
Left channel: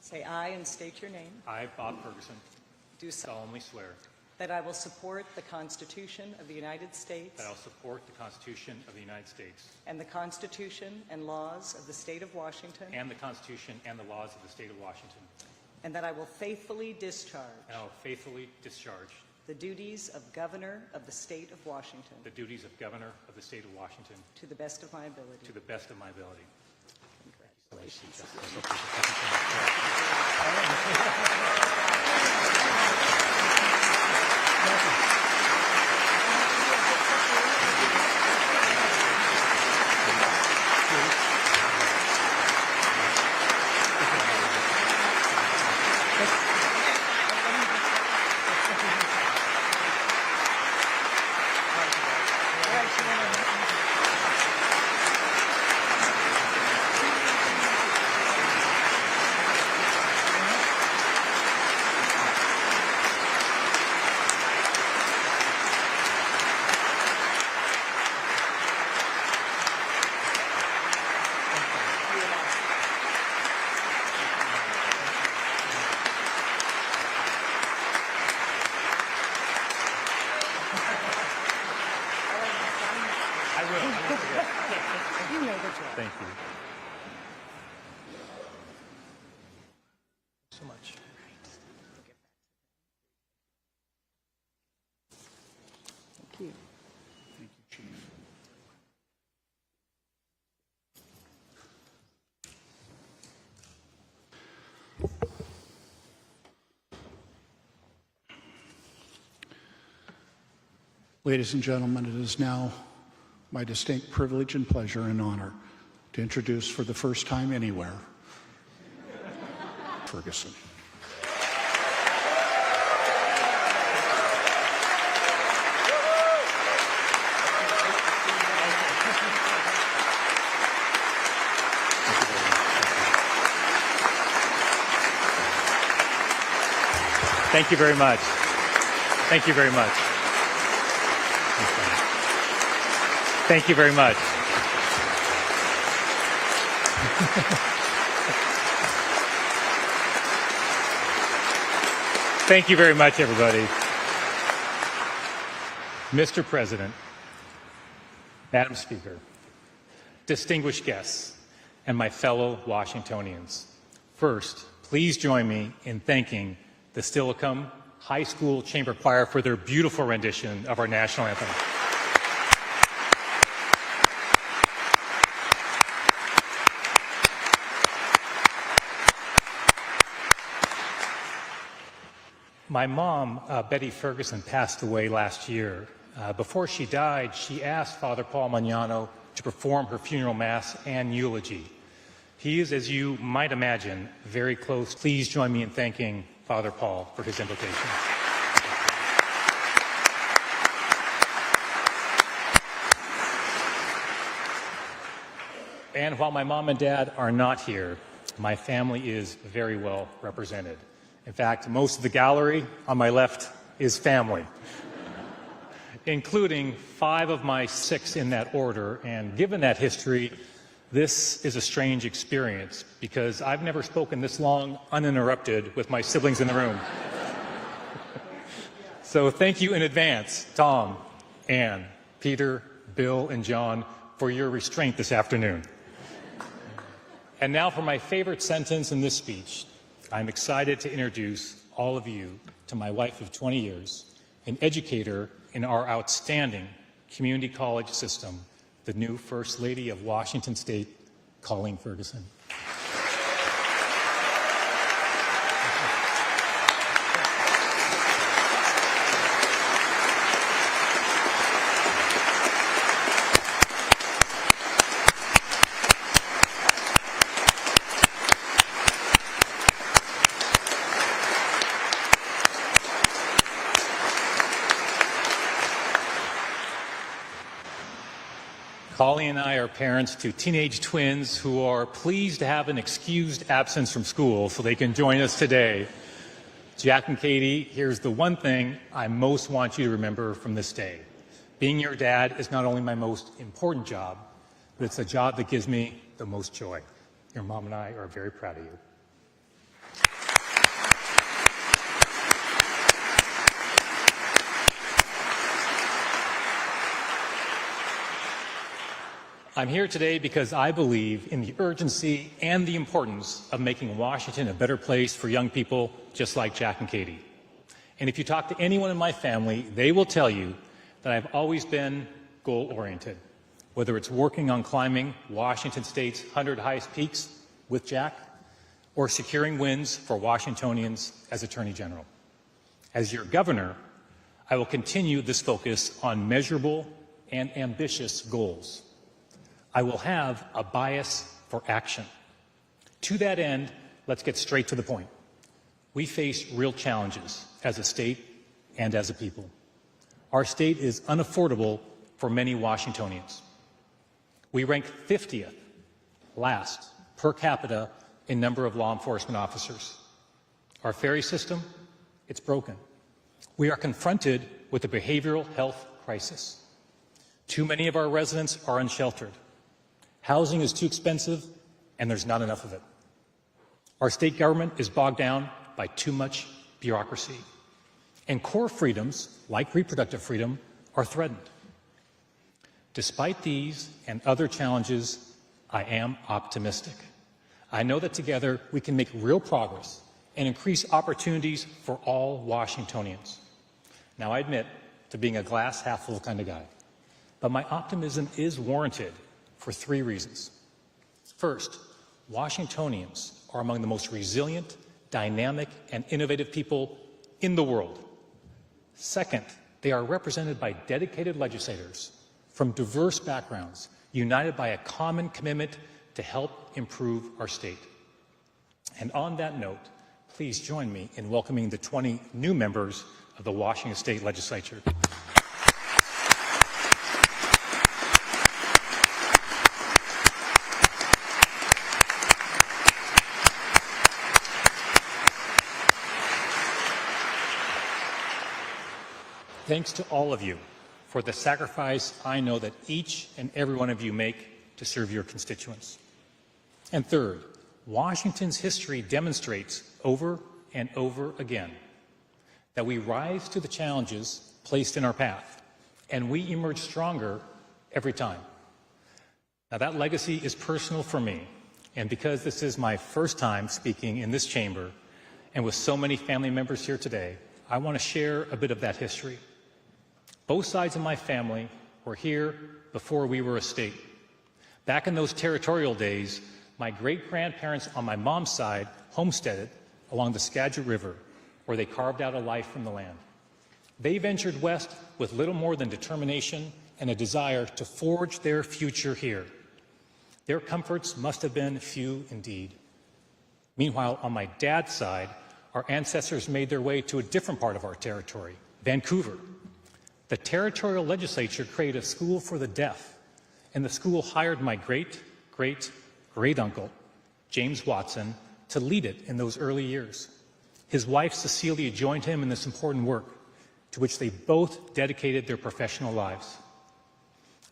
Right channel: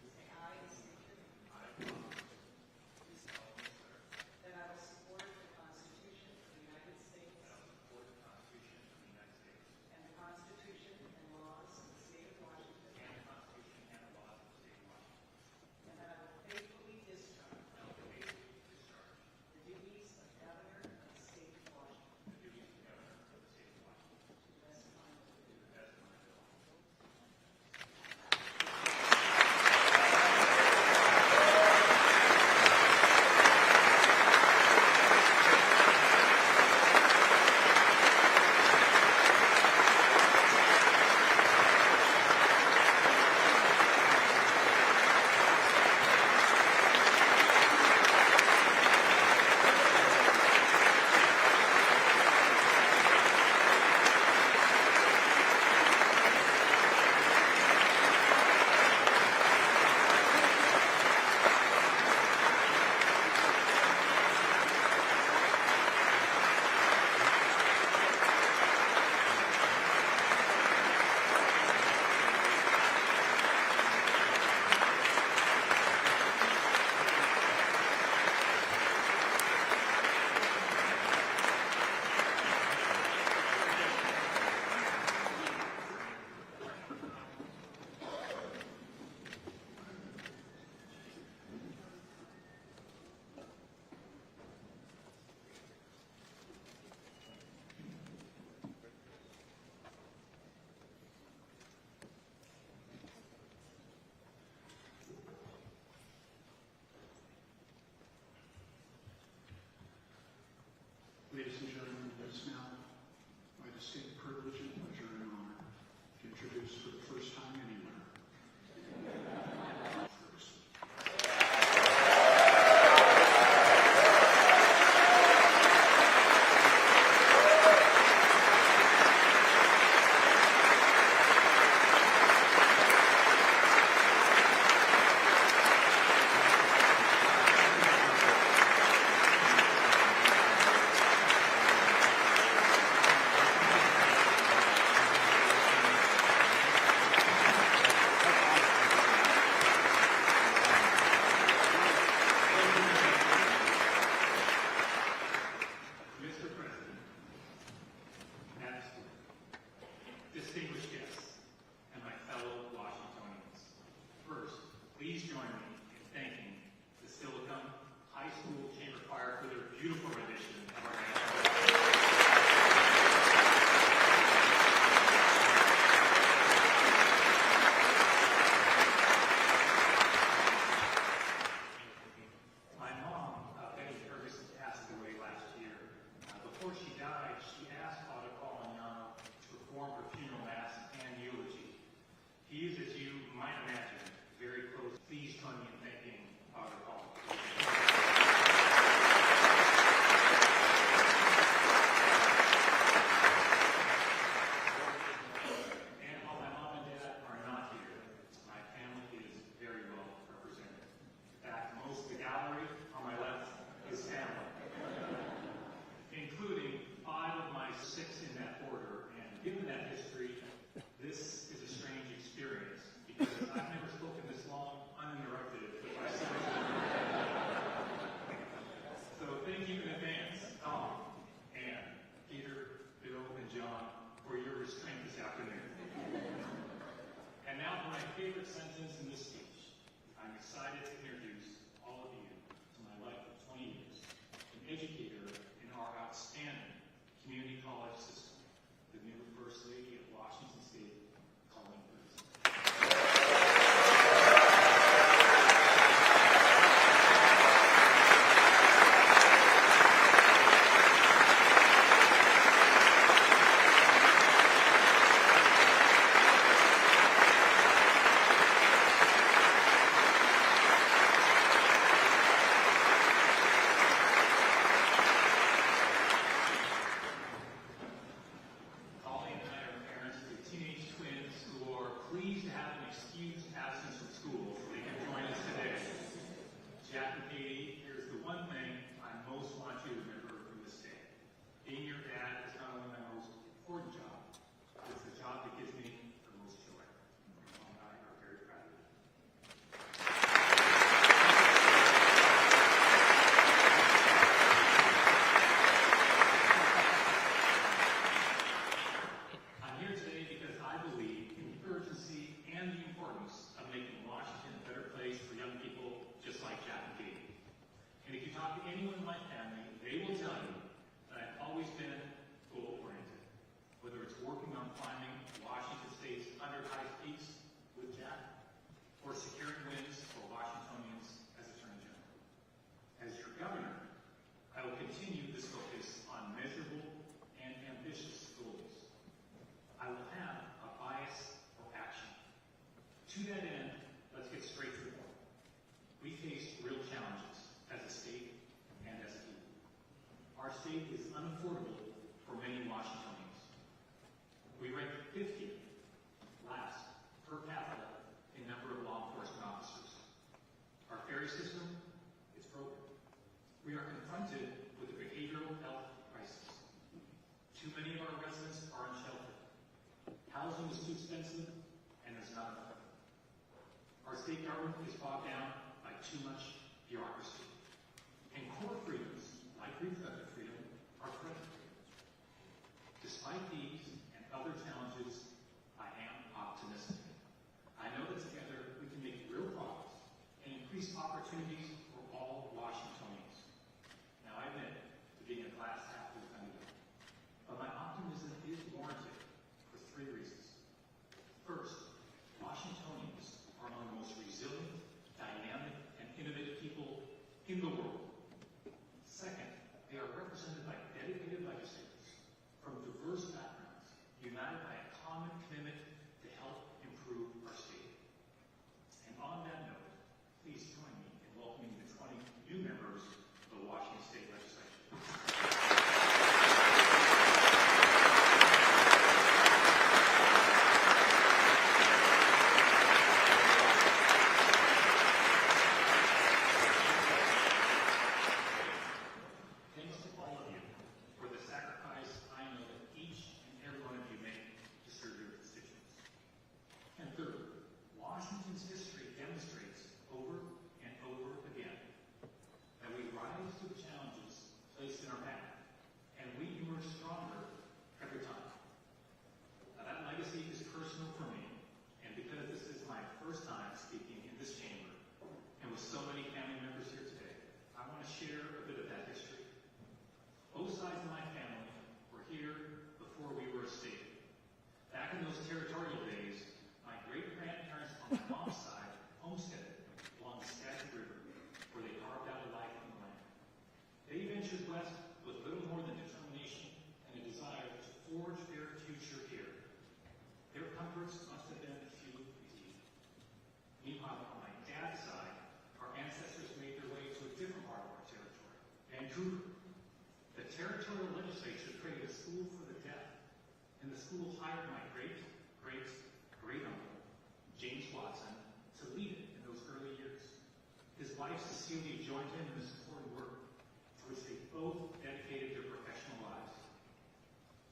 Say I and state your name. I, Bob Ferguson, Do solemnly swear that I will support the Constitution of the United States that I will support the Constitution of the United States and the Constitution and laws of the State of Washington, and the Constitution and the laws of the State of Washington, and that I will faithfully discharge and I will faithfully discharge the duties of Governor of the State of Washington the duties of Governor of the State of Washington to the best of my ability. to the best of my ability. Ladies and gentlemen, it is now my distinct privilege and pleasure and honor to introduce for the first time anywhere, Ferguson. Thank you very much. Thank you very much. Thank you very much. Thank you very much, everybody. Mr. President, Madam Speaker, distinguished guests, and my fellow Washingtonians. First, please join me in thanking the Steilacoom High School Chamber Choir for their beautiful rendition of our national anthem. My mom, Betty Ferguson, passed away last year. Before she died, she asked Father Paul Magnano to perform her funeral mass and eulogy. He is, as you might imagine, very close. Please join me in thanking Father Paul for his invitation. And while my mom and dad are not here, my family is very well represented. In fact, most of the gallery on my left is family, including 5 of my 6 in that order. And given that history, this is a strange experience because I've never spoken this long uninterrupted with my siblings in the room. So thank you in advance, Tom, Ann, Peter, Bill, and John, for your restraint this afternoon. And now for my favorite sentence in this speech. I'm excited to introduce all of you to my wife of 20 years, an educator in our outstanding community college system, the new First Lady of Washington State, Colleen Ferguson. Colleen and I are parents to teenage twins who are pleased to have an excused absence from school so they can join us today. Jack and Katie, here's the one thing I most want you to remember from this day. Being your dad is not only my most important job, but it's a job that gives me the most joy. Your mom and I are very proud of you. I'm here today because I believe in the urgency and the importance of making Washington a better place for young people just like Jack and Katie. And if you talk to anyone in my family, they will tell you that I've always been goal-oriented, whether it's working on climbing Washington State's 100 highest peaks with Jack or securing wins for Washingtonians as Attorney General. As your governor, I will continue this focus on measurable and ambitious goals. I will have a bias for action. To that end, let's get straight to the point. We face real challenges as a state and as a people. Our state is unaffordable for many Washingtonians. We rank 50th, last, per capita in number of law enforcement officers. Our ferry system, it's broken. We are confronted with a behavioral health crisis. Too many of our residents are unsheltered. Housing is too expensive, and there's not enough of it. Our state government is bogged down by too much bureaucracy. And core freedoms, like reproductive freedom, are threatened. Despite these and other challenges, I am optimistic. I know that together we can make real progress and increase opportunities for all Washingtonians. Now, I admit to being a glass half full kind of guy, but my optimism is warranted for 3 reasons. First, Washingtonians are among the most resilient, dynamic, and innovative people in the world. Second, They are represented by dedicated legislators from diverse backgrounds, united by a common commitment to help improve our state. And on that note, please join me in welcoming the 20 new members of the Washington State Legislature. Thanks to all of you for the sacrifice I know that each and every one of you make to serve your constituents. And third, Washington's history demonstrates over and over again that we rise to the challenges placed in our path, and we emerge stronger every time. Now, that legacy is personal for me, and because this is my first time speaking in this chamber and with so many family members here today, I want to share a bit of that history. Both sides of my family were here before we were a state. Back in those territorial days, my great-grandparents on my mom's side homesteaded along the Skagit River, where they carved out a life from the land. They ventured west with little more than determination and a desire to forge their future here. Their comforts must have been few indeed. Meanwhile, on my dad's side, our ancestors made their way to a different part of our territory, Vancouver. The territorial legislature created a school for the deaf, and the school hired my great-great-great-uncle, James Watson, to lead it in those early years. His wife, Cecilia, joined him in this important work, to which they both dedicated their professional lives.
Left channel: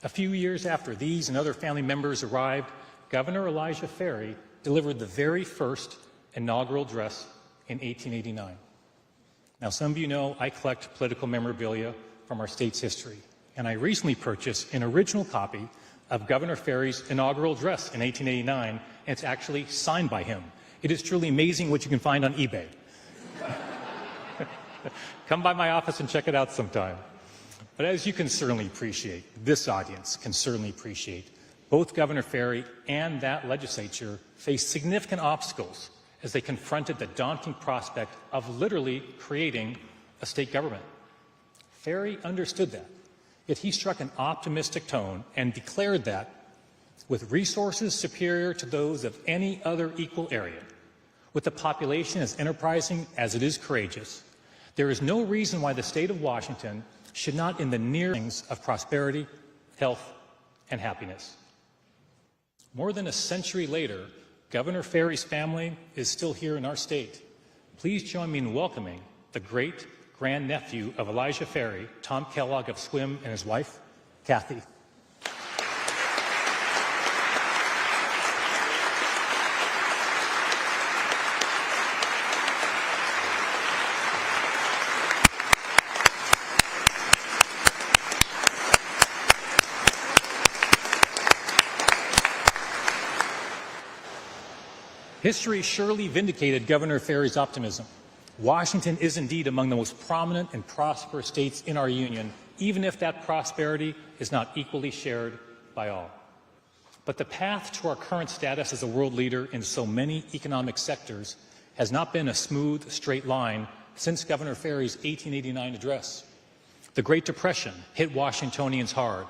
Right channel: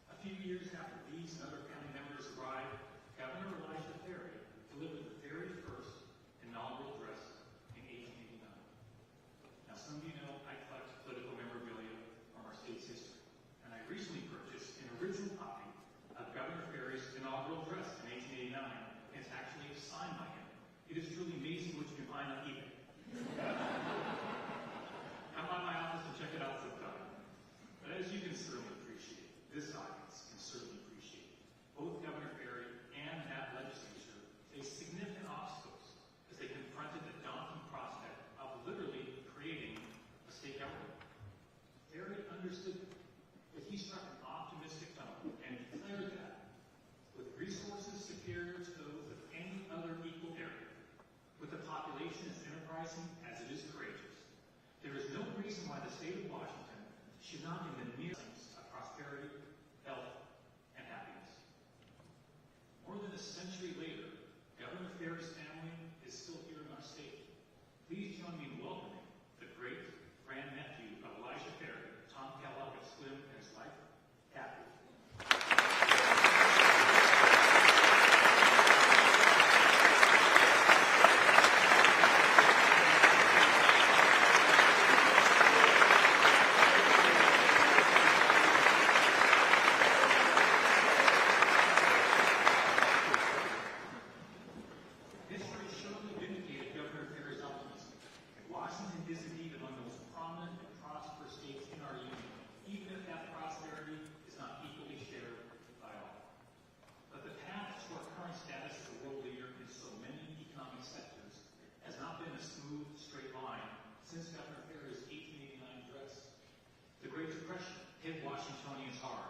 A few years after these and other family members arrived, Governor Elijah Ferry delivered the very first inaugural address in 1889. Now, some of you know I collect political memorabilia from our state's history, and I recently purchased an original copy of Governor Ferry's inaugural address in 1889, and it's actually signed by him. It is truly amazing what you can find on eBay. Come by my office and check it out sometime. But as you can certainly appreciate, this audience can certainly appreciate, both Governor Ferry and that legislature faced significant obstacles as they confronted the daunting prospect of literally creating a state government. Ferry understood that, yet he struck an optimistic tone and declared that, with resources superior to those of any other equal area, with a population as enterprising as it is courageous, there is no reason why the state of Washington should not in the near things of prosperity, health, and happiness. More than a century later, Governor Ferry's family is still here in our state. Please join me in welcoming the great-grandnephew of Elijah Ferry, Tom Kellogg of Swim, and his wife, Kathy. History surely vindicated Governor Ferry's optimism. Washington is indeed among the most prominent and prosperous states in our union, even if that prosperity is not equally shared by all. But the path to our current status as a world leader in so many economic sectors has not been a smooth, straight line since Governor Ferry's 1889 address. The Great Depression hit Washingtonians hard,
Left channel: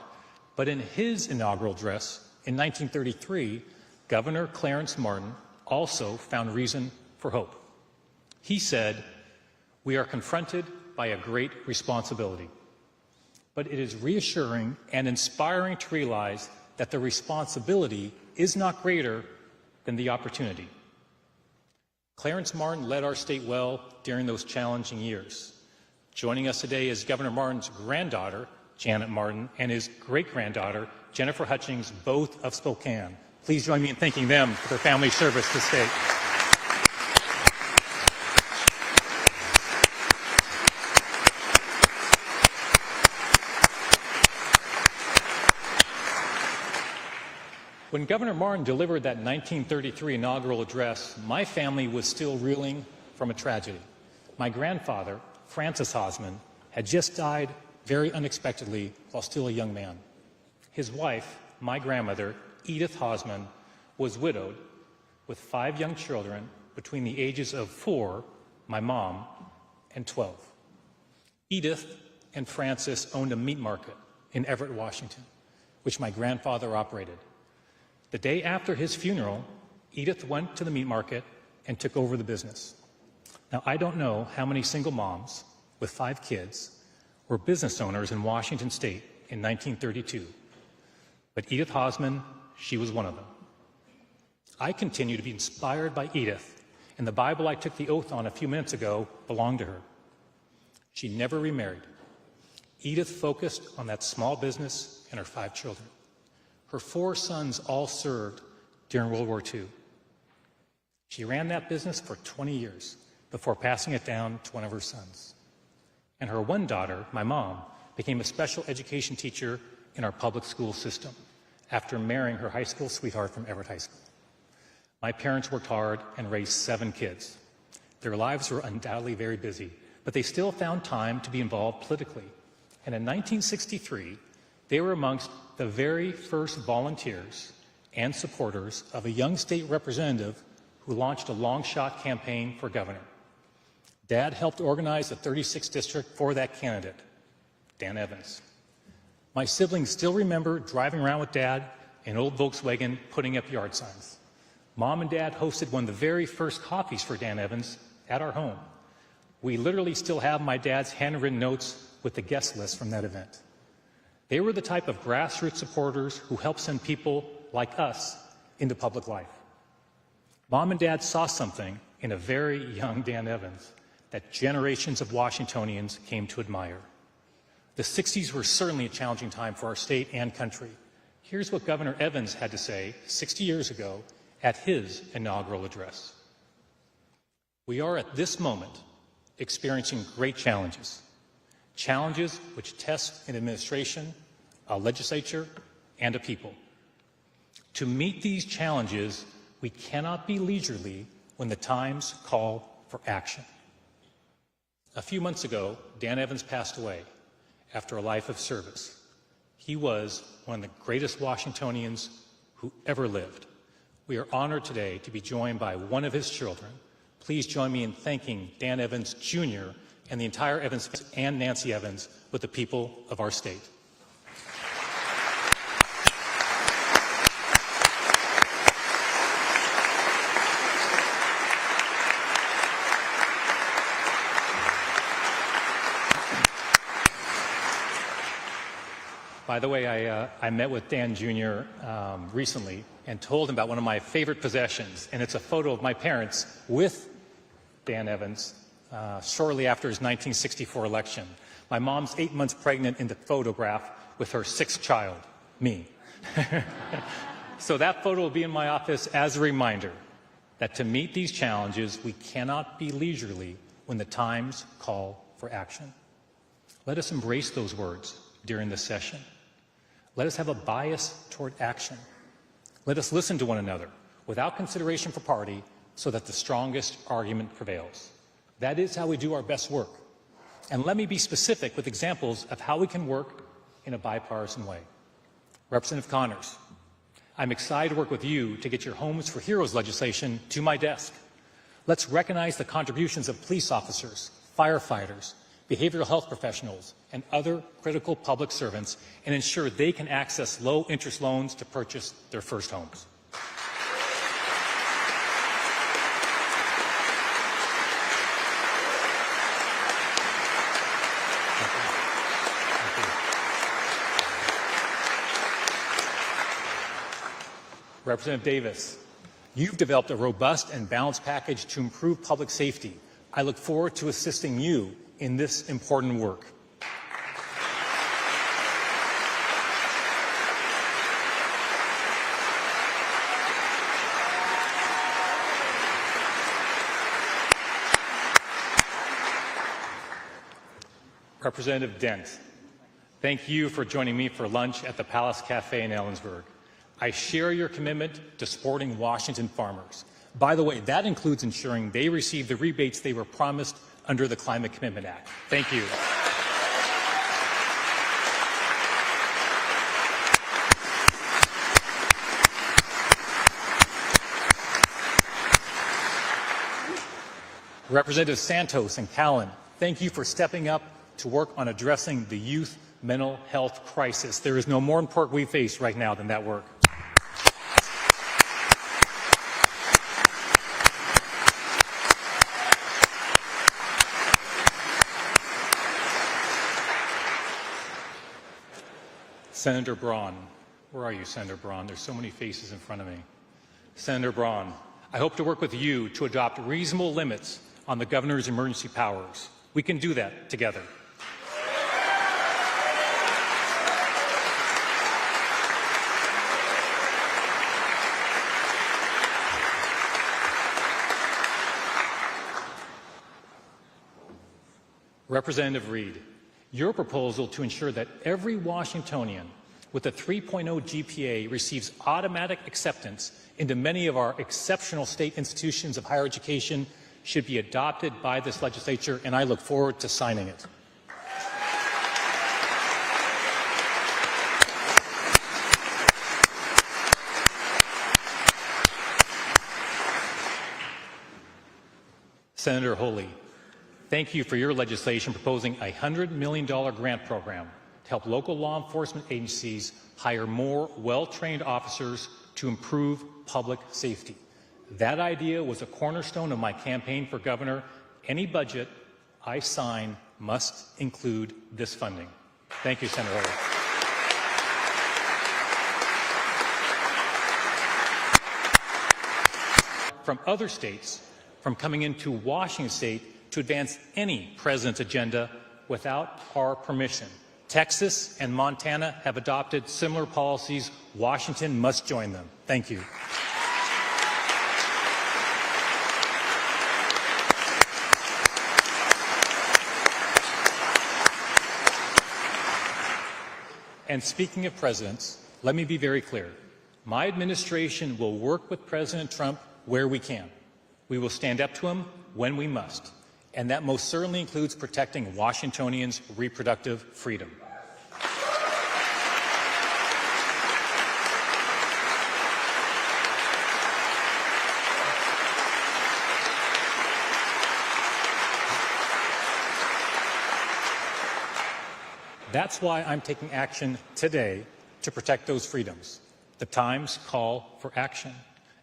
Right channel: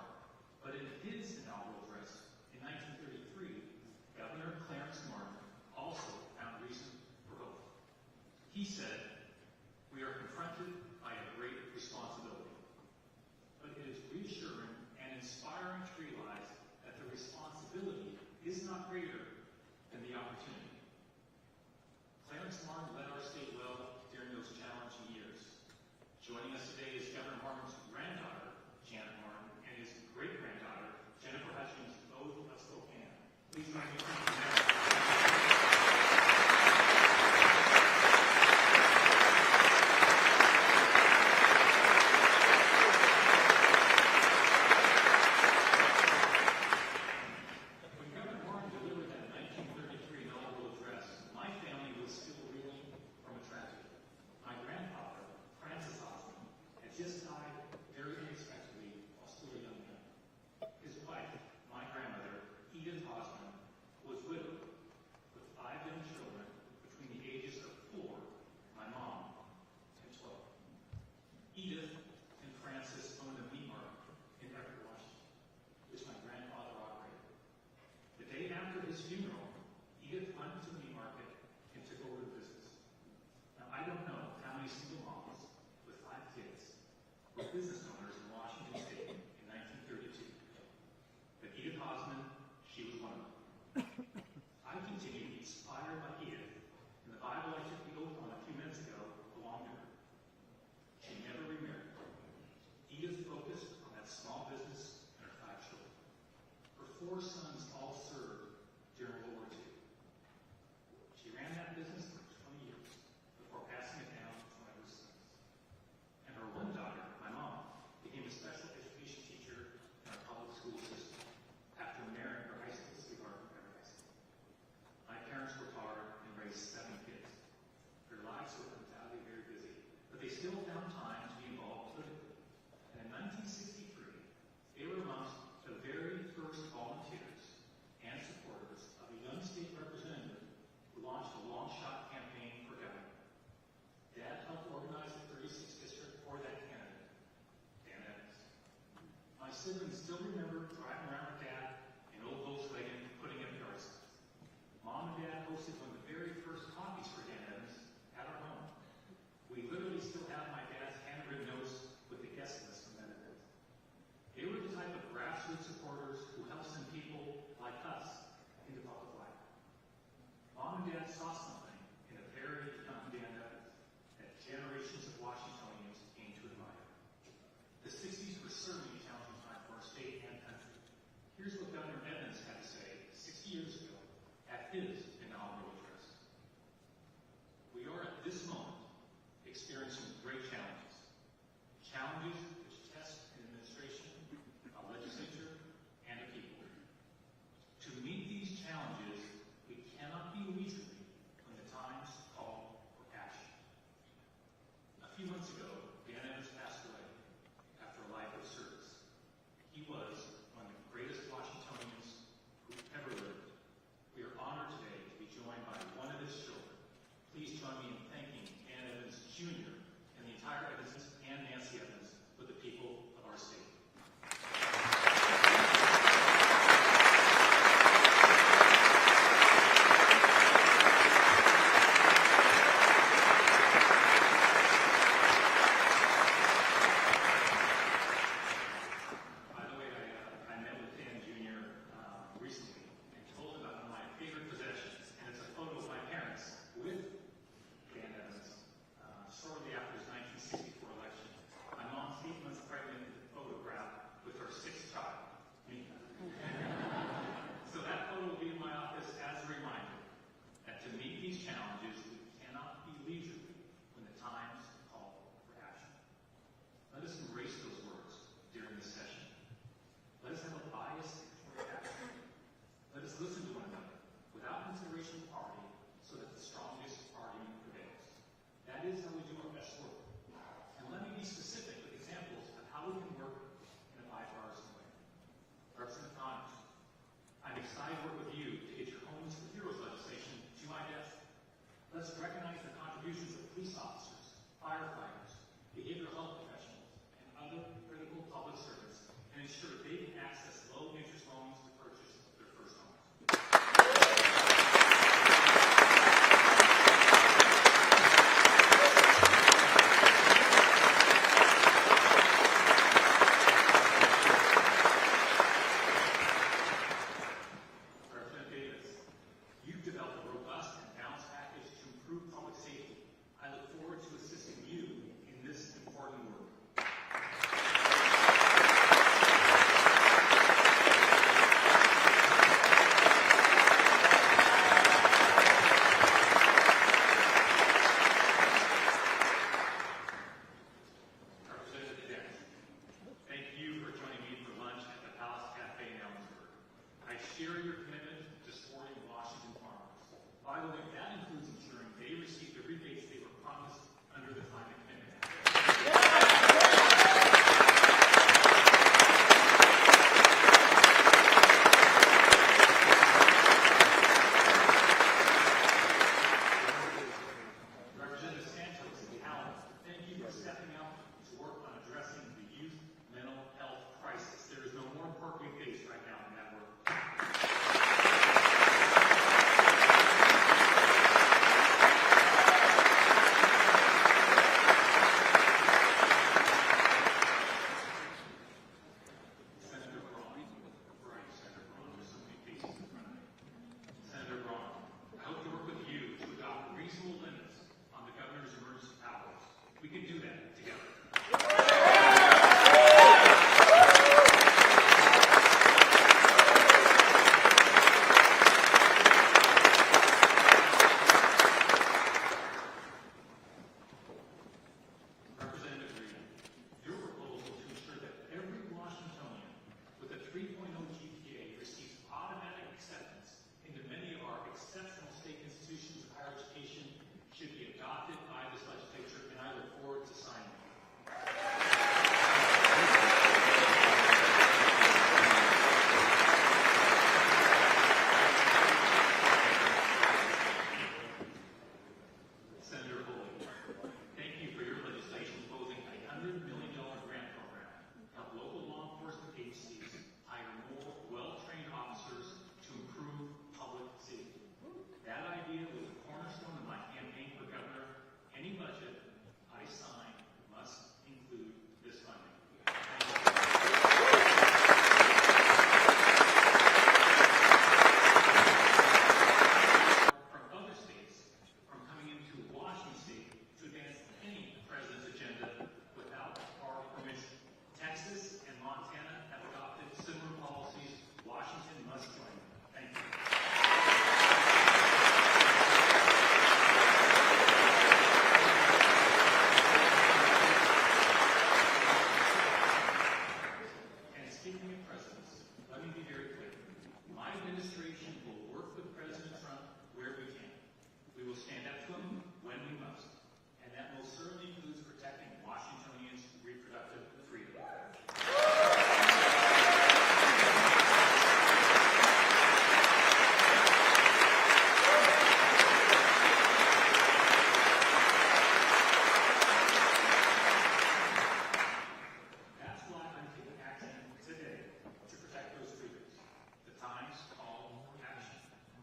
but in his inaugural address in 1933, Governor Clarence Martin also found reason for hope. He said, "We are confronted by a great responsibility, but it is reassuring and inspiring to realize that the responsibility is not greater than the opportunity." Clarence Martin led our state well during those challenging years. Joining us today is Governor Martin's granddaughter, Janet Martin, and his great-granddaughter, Jennifer Hutchings, both of Spokane. Please join me in thanking them for their family service to the state. When Governor Martin delivered that 1933 inaugural address, my family was still reeling from a tragedy. My grandfather, Francis Hosman, had just died very unexpectedly while still a young man. His wife, my grandmother, Edith Hosman, was widowed with 5 young children between the ages of 4, my mom, and 12. Edith and Francis owned a meat market in Everett, Washington, which my grandfather operated. The day after his funeral, Edith went to the meat market and took over the business. Now, I don't know how many single moms with 5 kids were business owners in Washington State in 1932, but Edith Hosman, she was one of them. I continue to be inspired by Edith, and the Bible I took the oath on a few minutes ago belonged to her. She never remarried. Edith focused on that small business and her 5 children. Her 4 sons all served during World War II. She ran that business for 20 years before passing it down to one of her sons. And her one daughter, my mom, became a special education teacher in our public school system after marrying her high school sweetheart from Everett High School. My parents worked hard and raised 7 kids. Their lives were undoubtedly very busy, but they still found time to be involved politically. And in 1963, they were amongst the very first volunteers and supporters of a young state representative who launched a long-shot campaign for governor. Dad helped organize the 36th district for that candidate, Dan Evans. My siblings still remember driving around with Dad in an old Volkswagen putting up yard signs. Mom and Dad hosted one of the very first coffees for Dan Evans at our home. We literally still have my dad's handwritten notes with the guest list from that event. They were the type of grassroots supporters who helped send people like us into public life. Mom and Dad saw something in a very young Dan Evans that generations of Washingtonians came to admire. The 60s were certainly a challenging time for our state and country. Here's what Governor Evans had to say 60 years ago at his inaugural address. We are at this moment experiencing great challenges, challenges which test an administration, a legislature, and a people. To meet these challenges, we cannot be leisurely when the times call for action. A few months ago, Dan Evans passed away after a life of service. He was one of the greatest Washingtonians who ever lived. We are honored today to be joined by one of his children. Please join me in thanking Dan Evans Jr. and the entire Evans and Nancy Evans with the people of our state. By the way, I met with Dan Jr. Recently and told him about one of my favorite possessions, and it's a photo of my parents with Dan Evans shortly after his 1964 election. My mom's 8 months pregnant in the photograph with her 6th child, me. So that photo will be in my office as a reminder that to meet these challenges, we cannot be leisurely when the times call for action. Let us embrace those words during this session. Let us have a bias toward action. Let us listen to one another without consideration for party so that the strongest argument prevails. That is how we do our best work. And let me be specific with examples of how we can work in a bipartisan way. Representative Connors, I'm excited to work with you to get your Homes for Heroes legislation to my desk. Let's recognize the contributions of police officers, firefighters, behavioral health professionals, and other critical public servants and ensure they can access low-interest loans to purchase their first homes. Representative Davis, you've developed a robust and balanced package to improve public safety. I look forward to assisting you in this important work. Representative Dent, thank you for joining me for lunch at the Palace Cafe in Ellensburg. I share your commitment to supporting Washington farmers. By the way, that includes ensuring they receive the rebates they were promised under the Climate Commitment Act. Thank you. Representative Santos and Callan, thank you for stepping up to work on addressing the youth mental health crisis. There is no more important we face right now than that work. Senator Braun. Where are you, Senator Braun? There's so many faces in front of me. Senator Braun, I hope to work with you to adopt reasonable limits on the governor's emergency powers. We can do that together. Representative Reed, your proposal to ensure that every Washingtonian with a 3.0 GPA receives automatic acceptance into many of our exceptional state institutions of higher education should be adopted by this legislature, and I look forward to signing it. Senator Holy, thank you for your legislation proposing a $100 million grant program to help local law enforcement agencies hire more well-trained officers to improve public safety. That idea was a cornerstone of my campaign for governor. Any budget I sign must include this funding. Thank you, Senator Holy. From other states, from coming into Washington state to advance any president's agenda without our permission. Texas and Montana have adopted similar policies. Washington must join them. Thank you. And speaking of presidents, let me be very clear. My administration will work with President Trump where we can. We will stand up to him when we must. And that most certainly includes protecting Washingtonians' reproductive freedom. That's why I'm taking action today to protect those freedoms. The times call for action.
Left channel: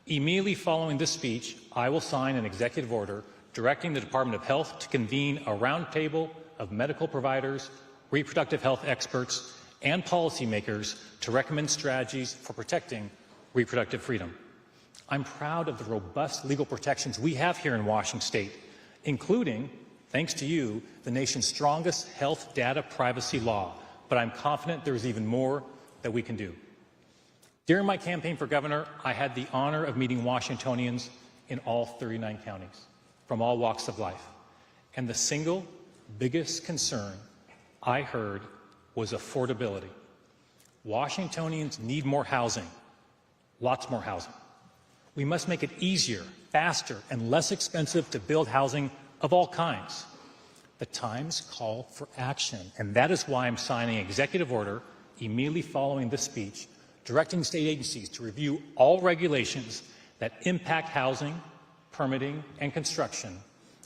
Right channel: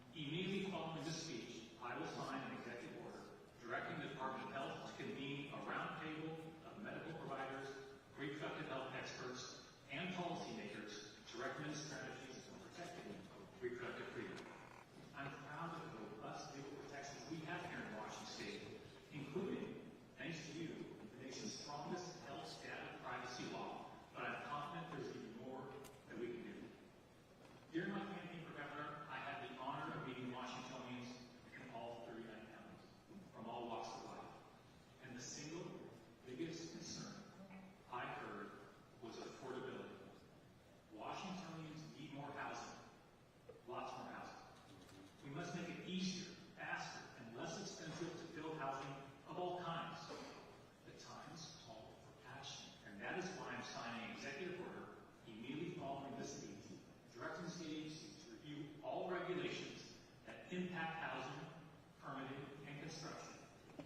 Immediately following this speech, I will sign an executive order directing the Department of Health to convene a roundtable of medical providers, reproductive health experts, and policymakers to recommend strategies for protecting reproductive freedom. I'm proud of the robust legal protections we have here in Washington state, including, thanks to you, the nation's strongest health data privacy law. But I'm confident there's even more that we can do. During my campaign for governor, I had the honor of meeting Washingtonians in all 39 counties, from all walks of life. And the single biggest concern I heard was affordability. Washingtonians need more housing, lots more housing. We must make it easier, faster, and less expensive to build housing of all kinds. The times call for action, and that is why I'm signing an executive order immediately following this speech, directing state agencies to review all regulations that impact housing, permitting, and construction,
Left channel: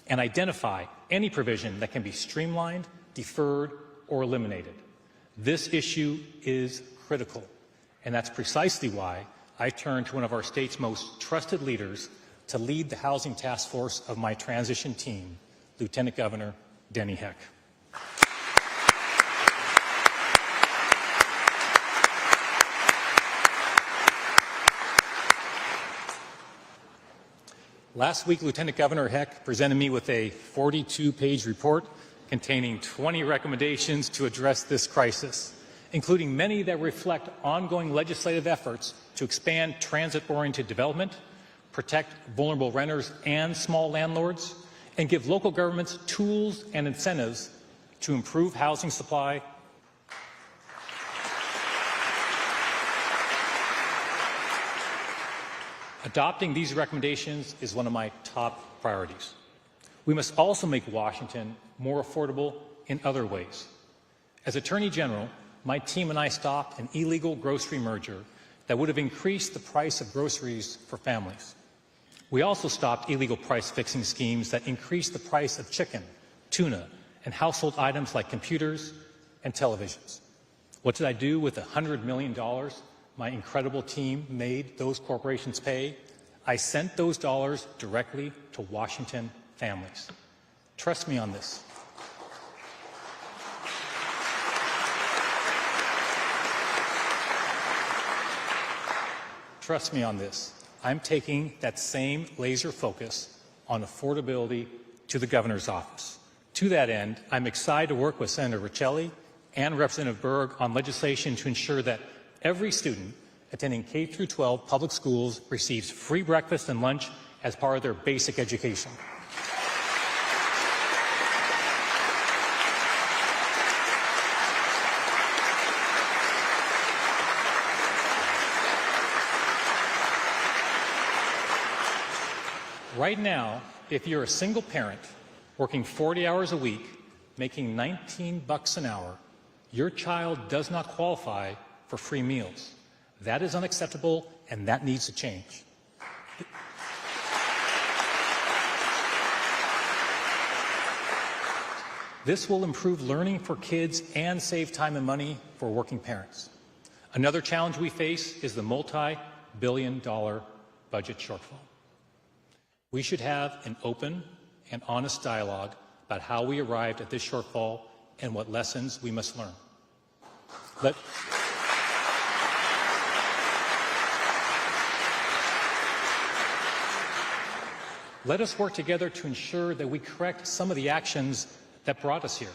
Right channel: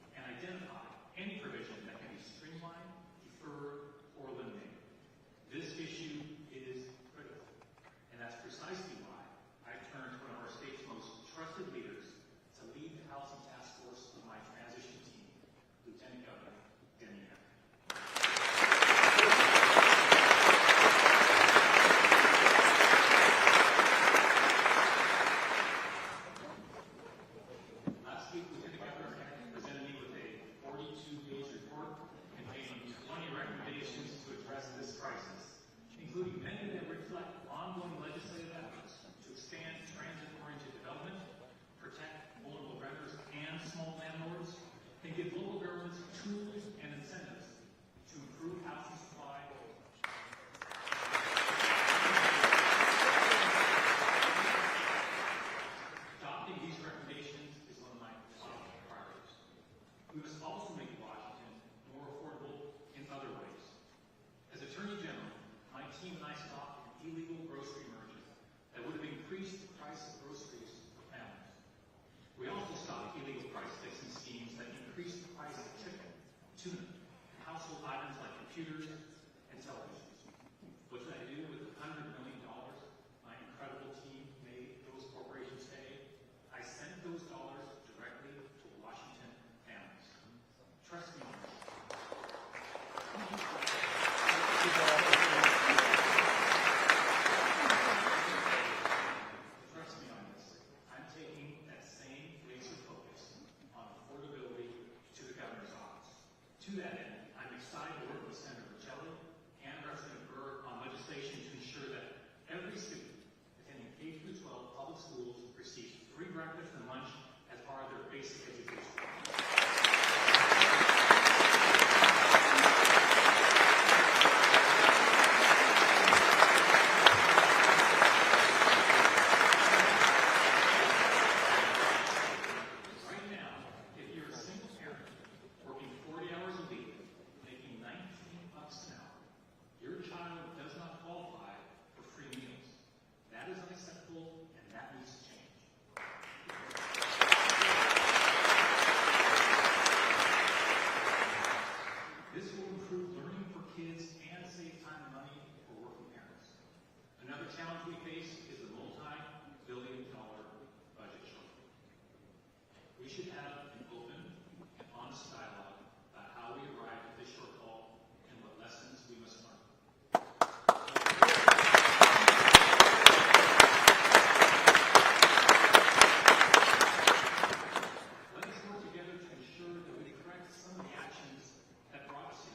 and identify any provision that can be streamlined, deferred, or eliminated. This issue is critical, and that's precisely why I turned to one of our state's most trusted leaders to lead the housing task force of my transition team, Lieutenant Governor Denny Heck. Last week, Lieutenant Governor Heck presented me with a 42-page report containing 20 recommendations to address this crisis, including many that reflect ongoing legislative efforts to expand transit-oriented development, protect vulnerable renters and small landlords, and give local governments tools and incentives to improve housing supply. Adopting these recommendations is one of my top priorities. We must also make Washington more affordable in other ways. As Attorney General, my team and I stopped an illegal grocery merger that would have increased the price of groceries for families. We also stopped illegal price-fixing schemes that increased the price of chicken, tuna, and household items like computers and televisions. What did I do with the $100 million my incredible team made those corporations pay? I sent those dollars directly to Washington families. Trust me on this. Trust me on this. I'm taking that same laser focus on affordability to the governor's office. To that end, I'm excited to work with Senator Riccelli and Representative Berg on legislation to ensure that every student attending K through 12 public schools receives free breakfast and lunch as part of their basic education. Right now, if you're a single parent working 40 hours a week, making $19 an hour, your child does not qualify for free meals. That is unacceptable, and that needs to change. This will improve learning for kids and save time and money for working parents. Another challenge we face is the multi-billion-dollar budget shortfall. We should have an open and honest dialogue about how we arrived at this shortfall and what lessons we must learn. Let us work together to ensure that we correct some of the actions that brought us here.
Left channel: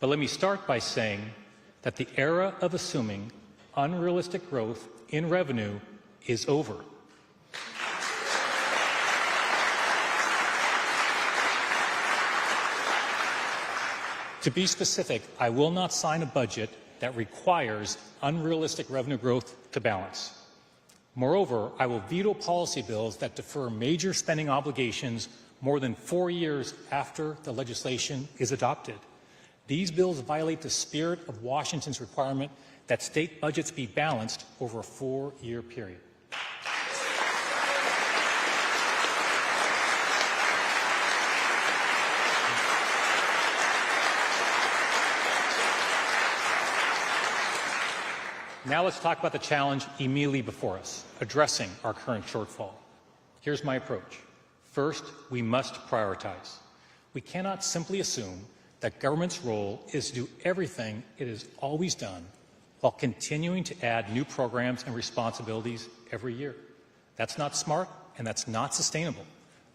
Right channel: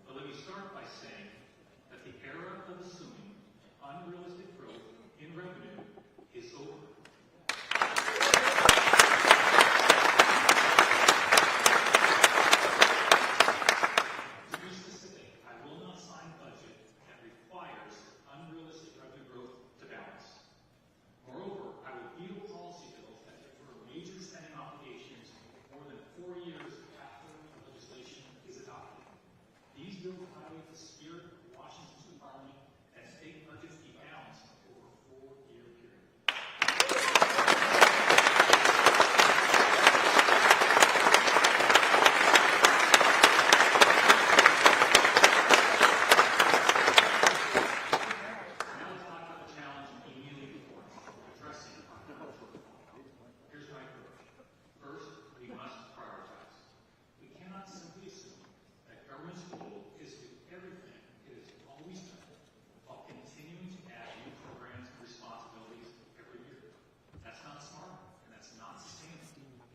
But let me start by saying that the era of assuming unrealistic growth in revenue is over. To be specific, I will not sign a budget that requires unrealistic revenue growth to balance. Moreover, I will veto policy bills that defer major spending obligations more than 4 years after the legislation is adopted. These bills violate the spirit of Washington's requirement that state budgets be balanced over a 4-year period. Now let's talk about the challenge immediately before us, addressing our current shortfall. Here's my approach. First, we must prioritize. We cannot simply assume that government's role is to do everything it has always done while continuing to add new programs and responsibilities every year. That's not smart, and that's not sustainable.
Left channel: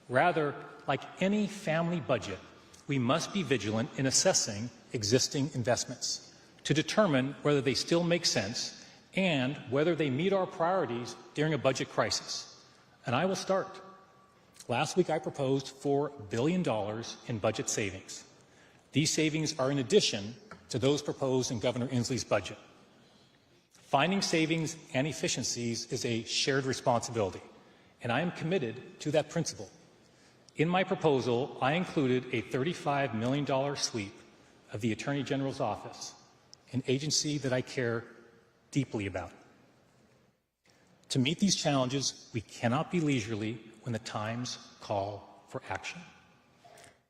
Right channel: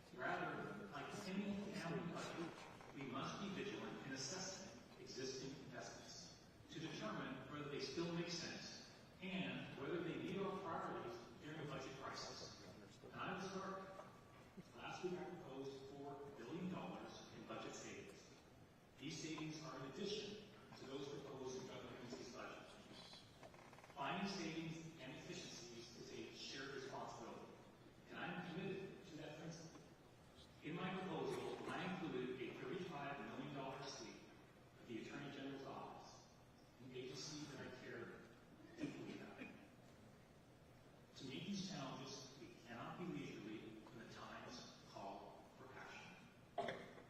Rather, like any family budget, we must be vigilant in assessing existing investments to determine whether they still make sense and whether they meet our priorities during a budget crisis. And I will start. Last week I proposed $4 billion in budget savings. These savings are in addition to those proposed in Governor Inslee's budget. Finding savings and efficiencies is a shared responsibility, and I am committed to that principle. In my proposal, I included a $35 million sweep of the Attorney General's office, an agency that I care deeply about. To meet these challenges, we cannot be leisurely when the times call for action.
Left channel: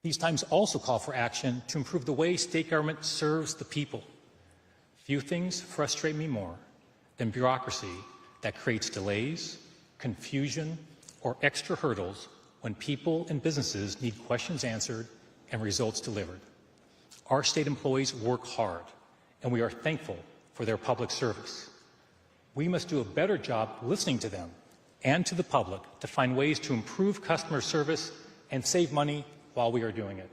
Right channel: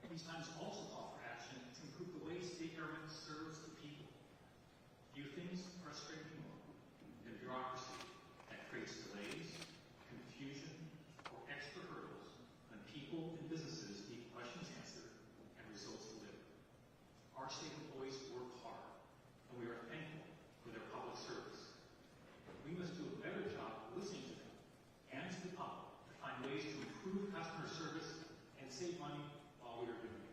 These times also call for action to improve the way state government serves the people. Few things frustrate me more than bureaucracy that creates delays, confusion, or extra hurdles when people and businesses need questions answered and results delivered. Our state employees work hard, and we are thankful for their public service. We must do a better job listening to them and to the public to find ways to improve customer service and save money while we are doing it.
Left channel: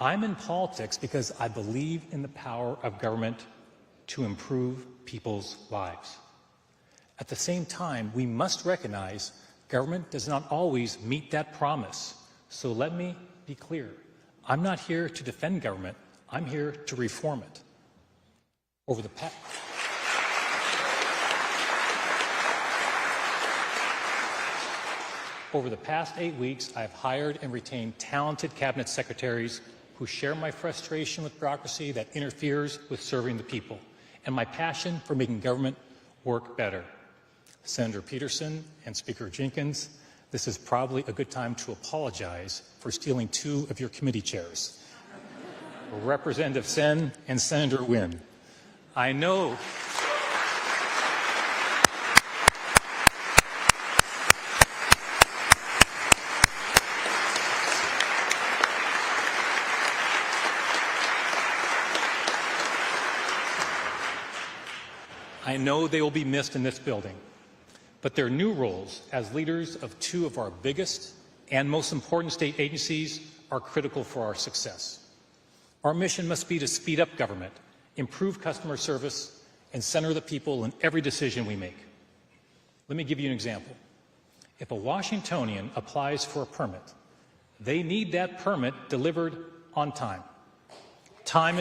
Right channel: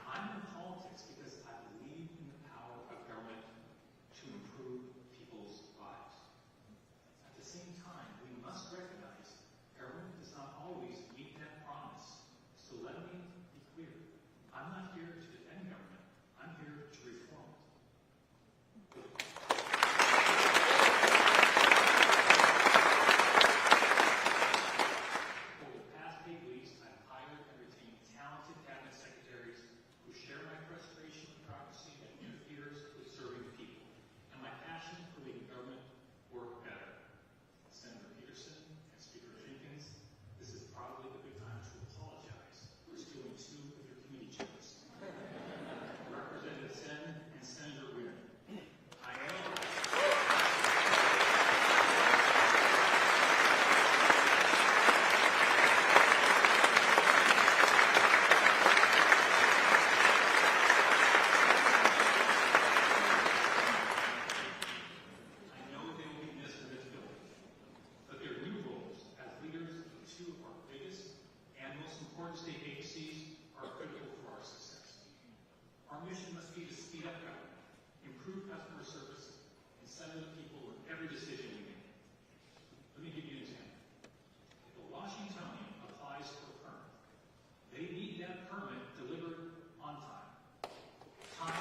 I'm in politics because I believe in the power of government to improve people's lives. At the same time, we must recognize government does not always meet that promise. So let me be clear. I'm not here to defend government. I'm here to reform it. Over the past 8 weeks, I've hired and retained talented cabinet secretaries who share my frustration with bureaucracy that interferes with serving the people and my passion for making government work better. Senator Peterson and Speaker Jenkins, this is probably a good time to apologize for stealing 2 of your committee chairs. Representative Sen and Senator Nguyen. I know they will be missed in this building, but their new roles as leaders of 2 of our biggest and most important state agencies are critical for our success. Our mission must be to speed up government, improve customer service, and center the people in every decision we make. Let me give you an example. If a Washingtonian applies for a permit, they need that permit delivered on time. Time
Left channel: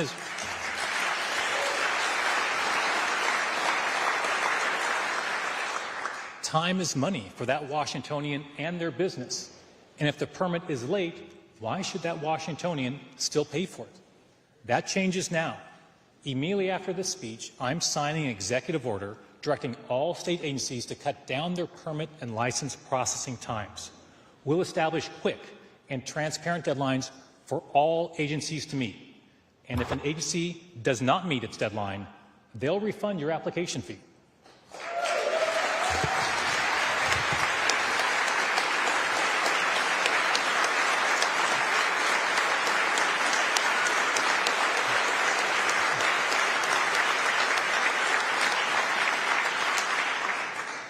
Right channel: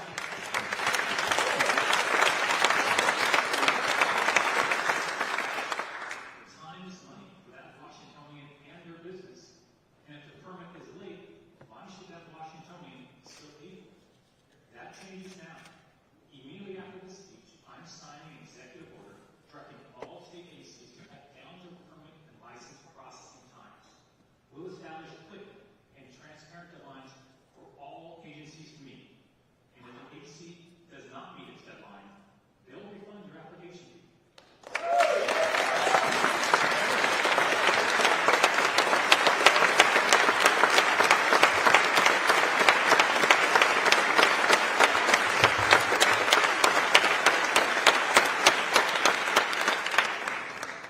is money for that Washingtonian and their business. And if the permit is late, why should that Washingtonian still pay for it? That changes now. Immediately after this speech, I'm signing an executive order directing all state agencies to cut down their permit and license processing times. We'll establish quick and transparent deadlines for all agencies to meet. And if an agency does not meet its deadline, they'll refund your application fee.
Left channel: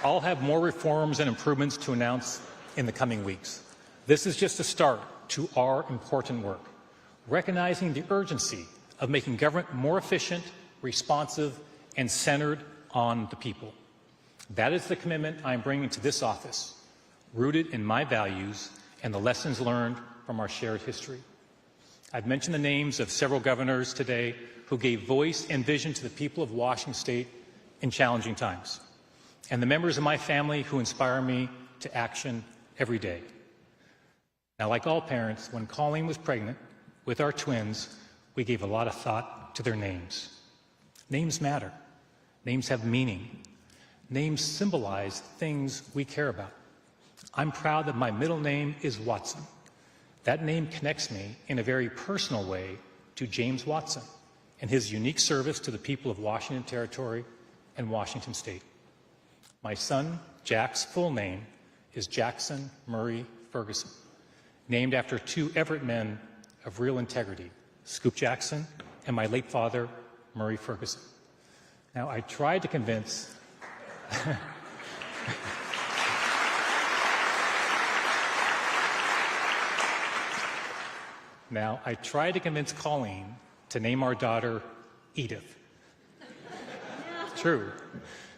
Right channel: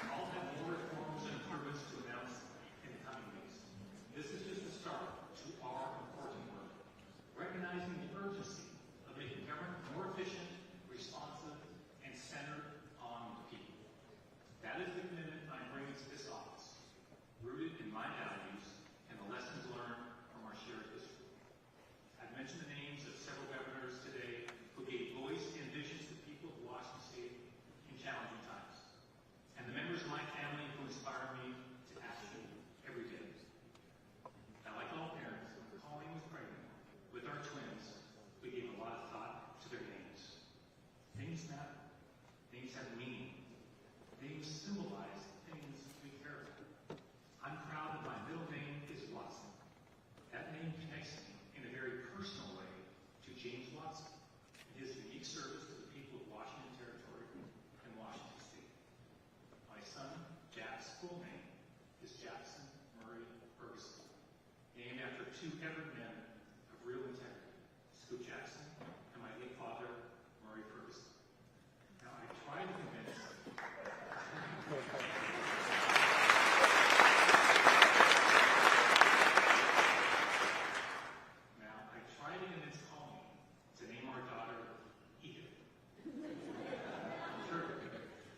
I'll have more reforms and improvements to announce in the coming weeks. This is just a start to our important work, recognizing the urgency of making government more efficient, responsive, and centered on the people. That is the commitment I'm bringing to this office, rooted in my values and the lessons learned from our shared history. I've mentioned the names of several governors today who gave voice and vision to the people of Washington State in challenging times, and the members of my family who inspire me to action every day. Now, like all parents, when Colleen was pregnant with our twins, we gave a lot of thought to their names. Names matter. Names have meaning. Names symbolize things we care about. I'm proud that my middle name is Watson. That name connects me in a very personal way to James Watson and his unique service to the people of Washington Territory and Washington State. My son, Jack's full name is Jackson Murray Ferguson, named after 2 Everett men of real integrity, Scoop Jackson and my late father, Murray Ferguson. Now, I tried to convince Colleen to name our daughter Edith. True.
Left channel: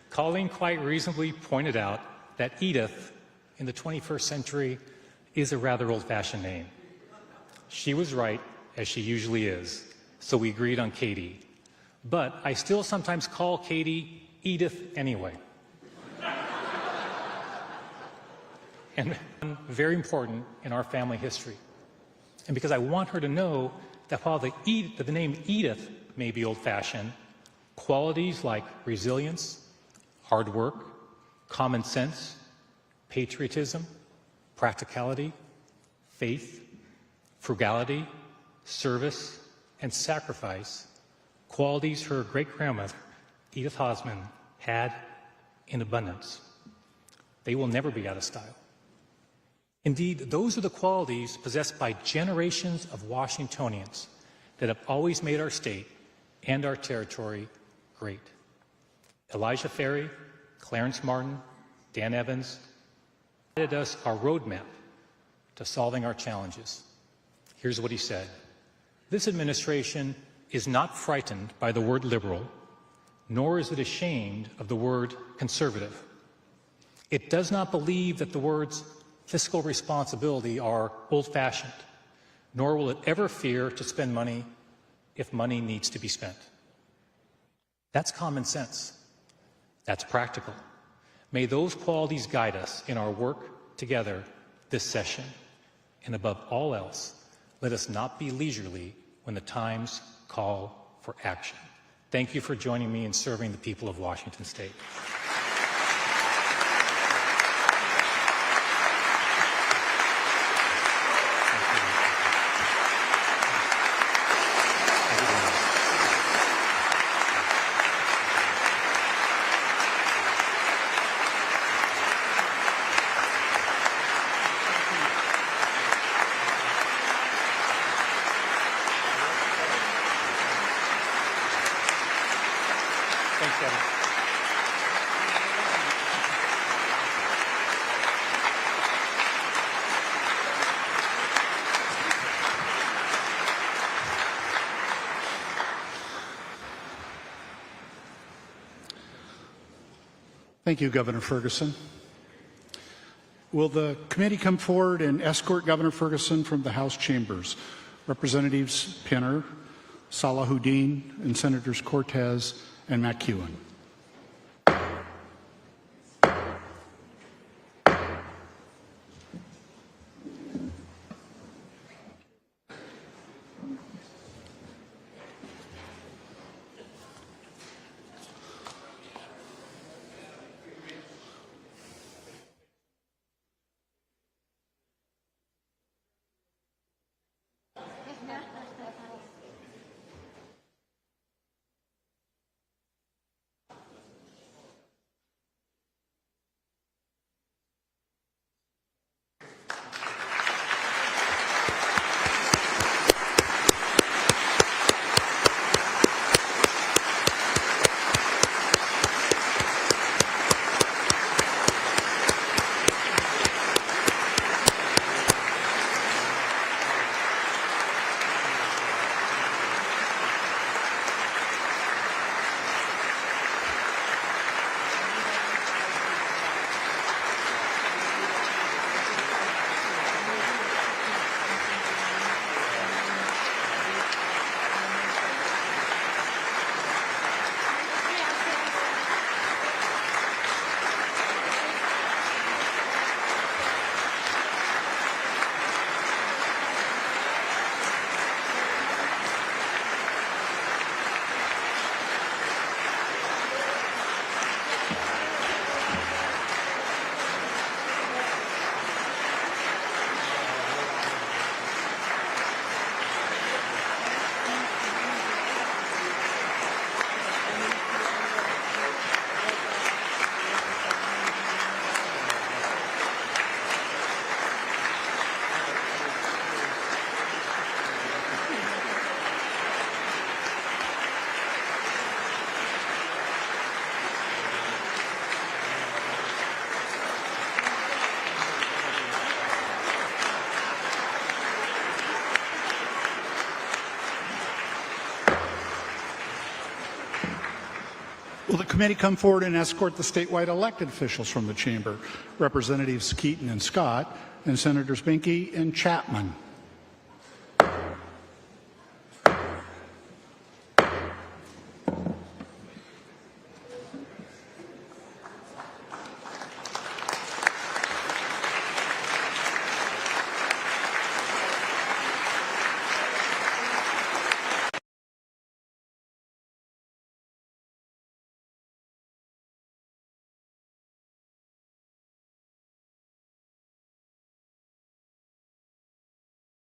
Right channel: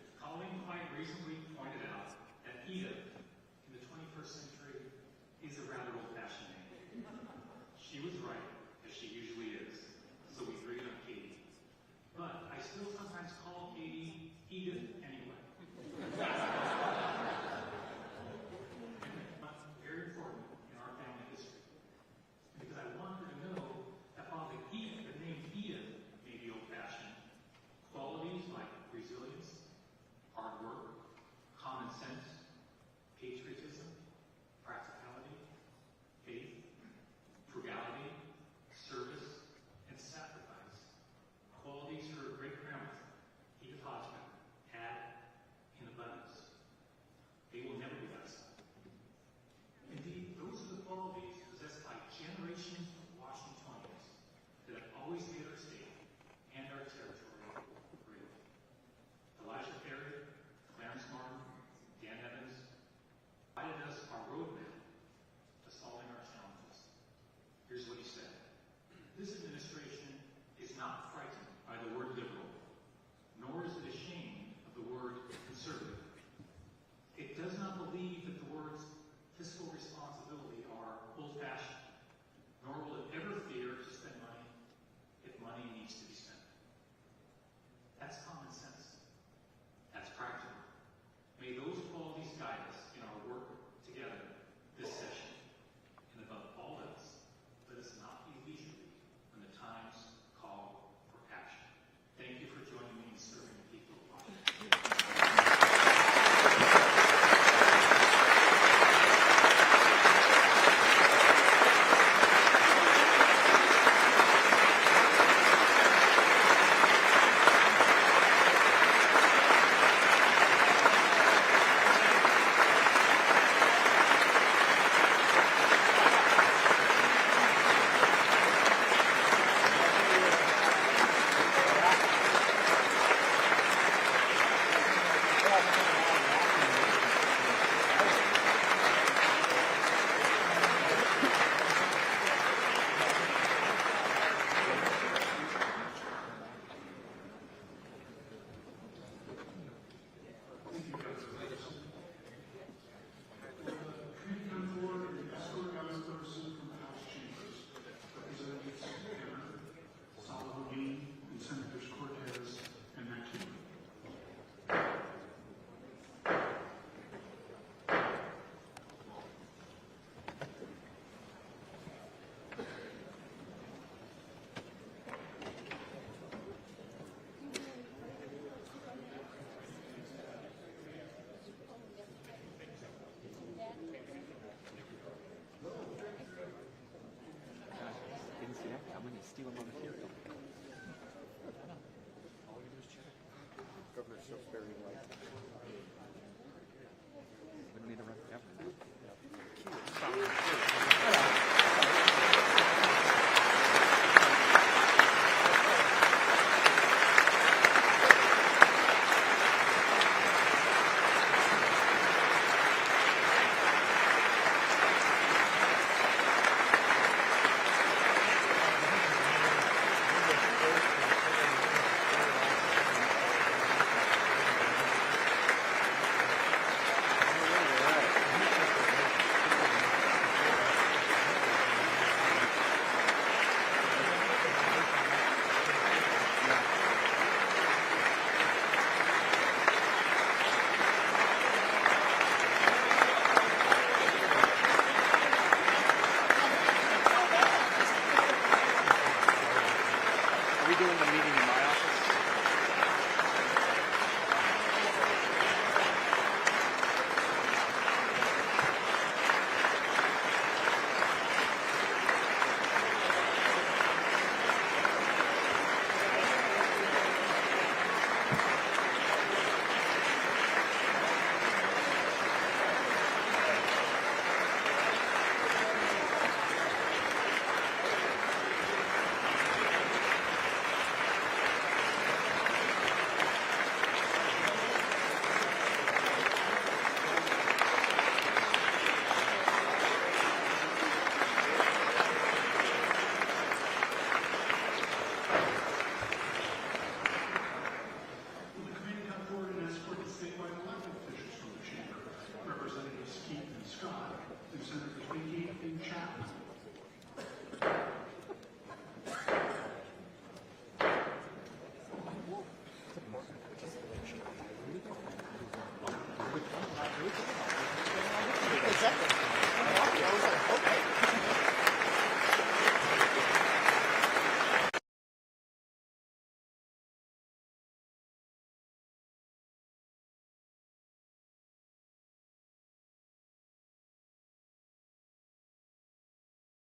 Colleen quite reasonably pointed out that Edith in the 21st century is a rather old-fashioned name. She was right, as she usually is, so we agreed on Katie. But I still sometimes call Katie Edith anyway. And very important in our family history. And because I want her to know that while the name Edith may be old-fashioned, qualities like resilience, hard work, common sense, patriotism, practicality, faith, frugality, service, and sacrifice, qualities her great-grandmother, Edith Hosman, had in abundance. They will never be out of style. Indeed, those are the qualities possessed by generations of Washingtonians that have always made our state and our territory great. Elijah Ferry, Clarence Martin, Dan Evans provided us our roadmap to solving our challenges. Here's what he said. This administration is not frightened by the word liberal, nor is it ashamed of the word conservative. It does not believe that the words fiscal responsibility are old-fashioned, nor will it ever fear to spend money if money needs to be spent. That's common sense. That's practical. May those qualities guide us in our work together this session. And above all else, let us not be leisurely when the times call for action. Thank you for joining me in serving the people of Washington State. Thank you, Governor Ferguson. Will the committee come forward and escort Governor Ferguson from the House chambers? Representatives Pinner, Salahuddin, and Senators Cortez and McEwen. Will the committee come forward and escort the statewide elected officials from the chamber? Representatives Keaton and Scott, and Senators Binkie and Chapman.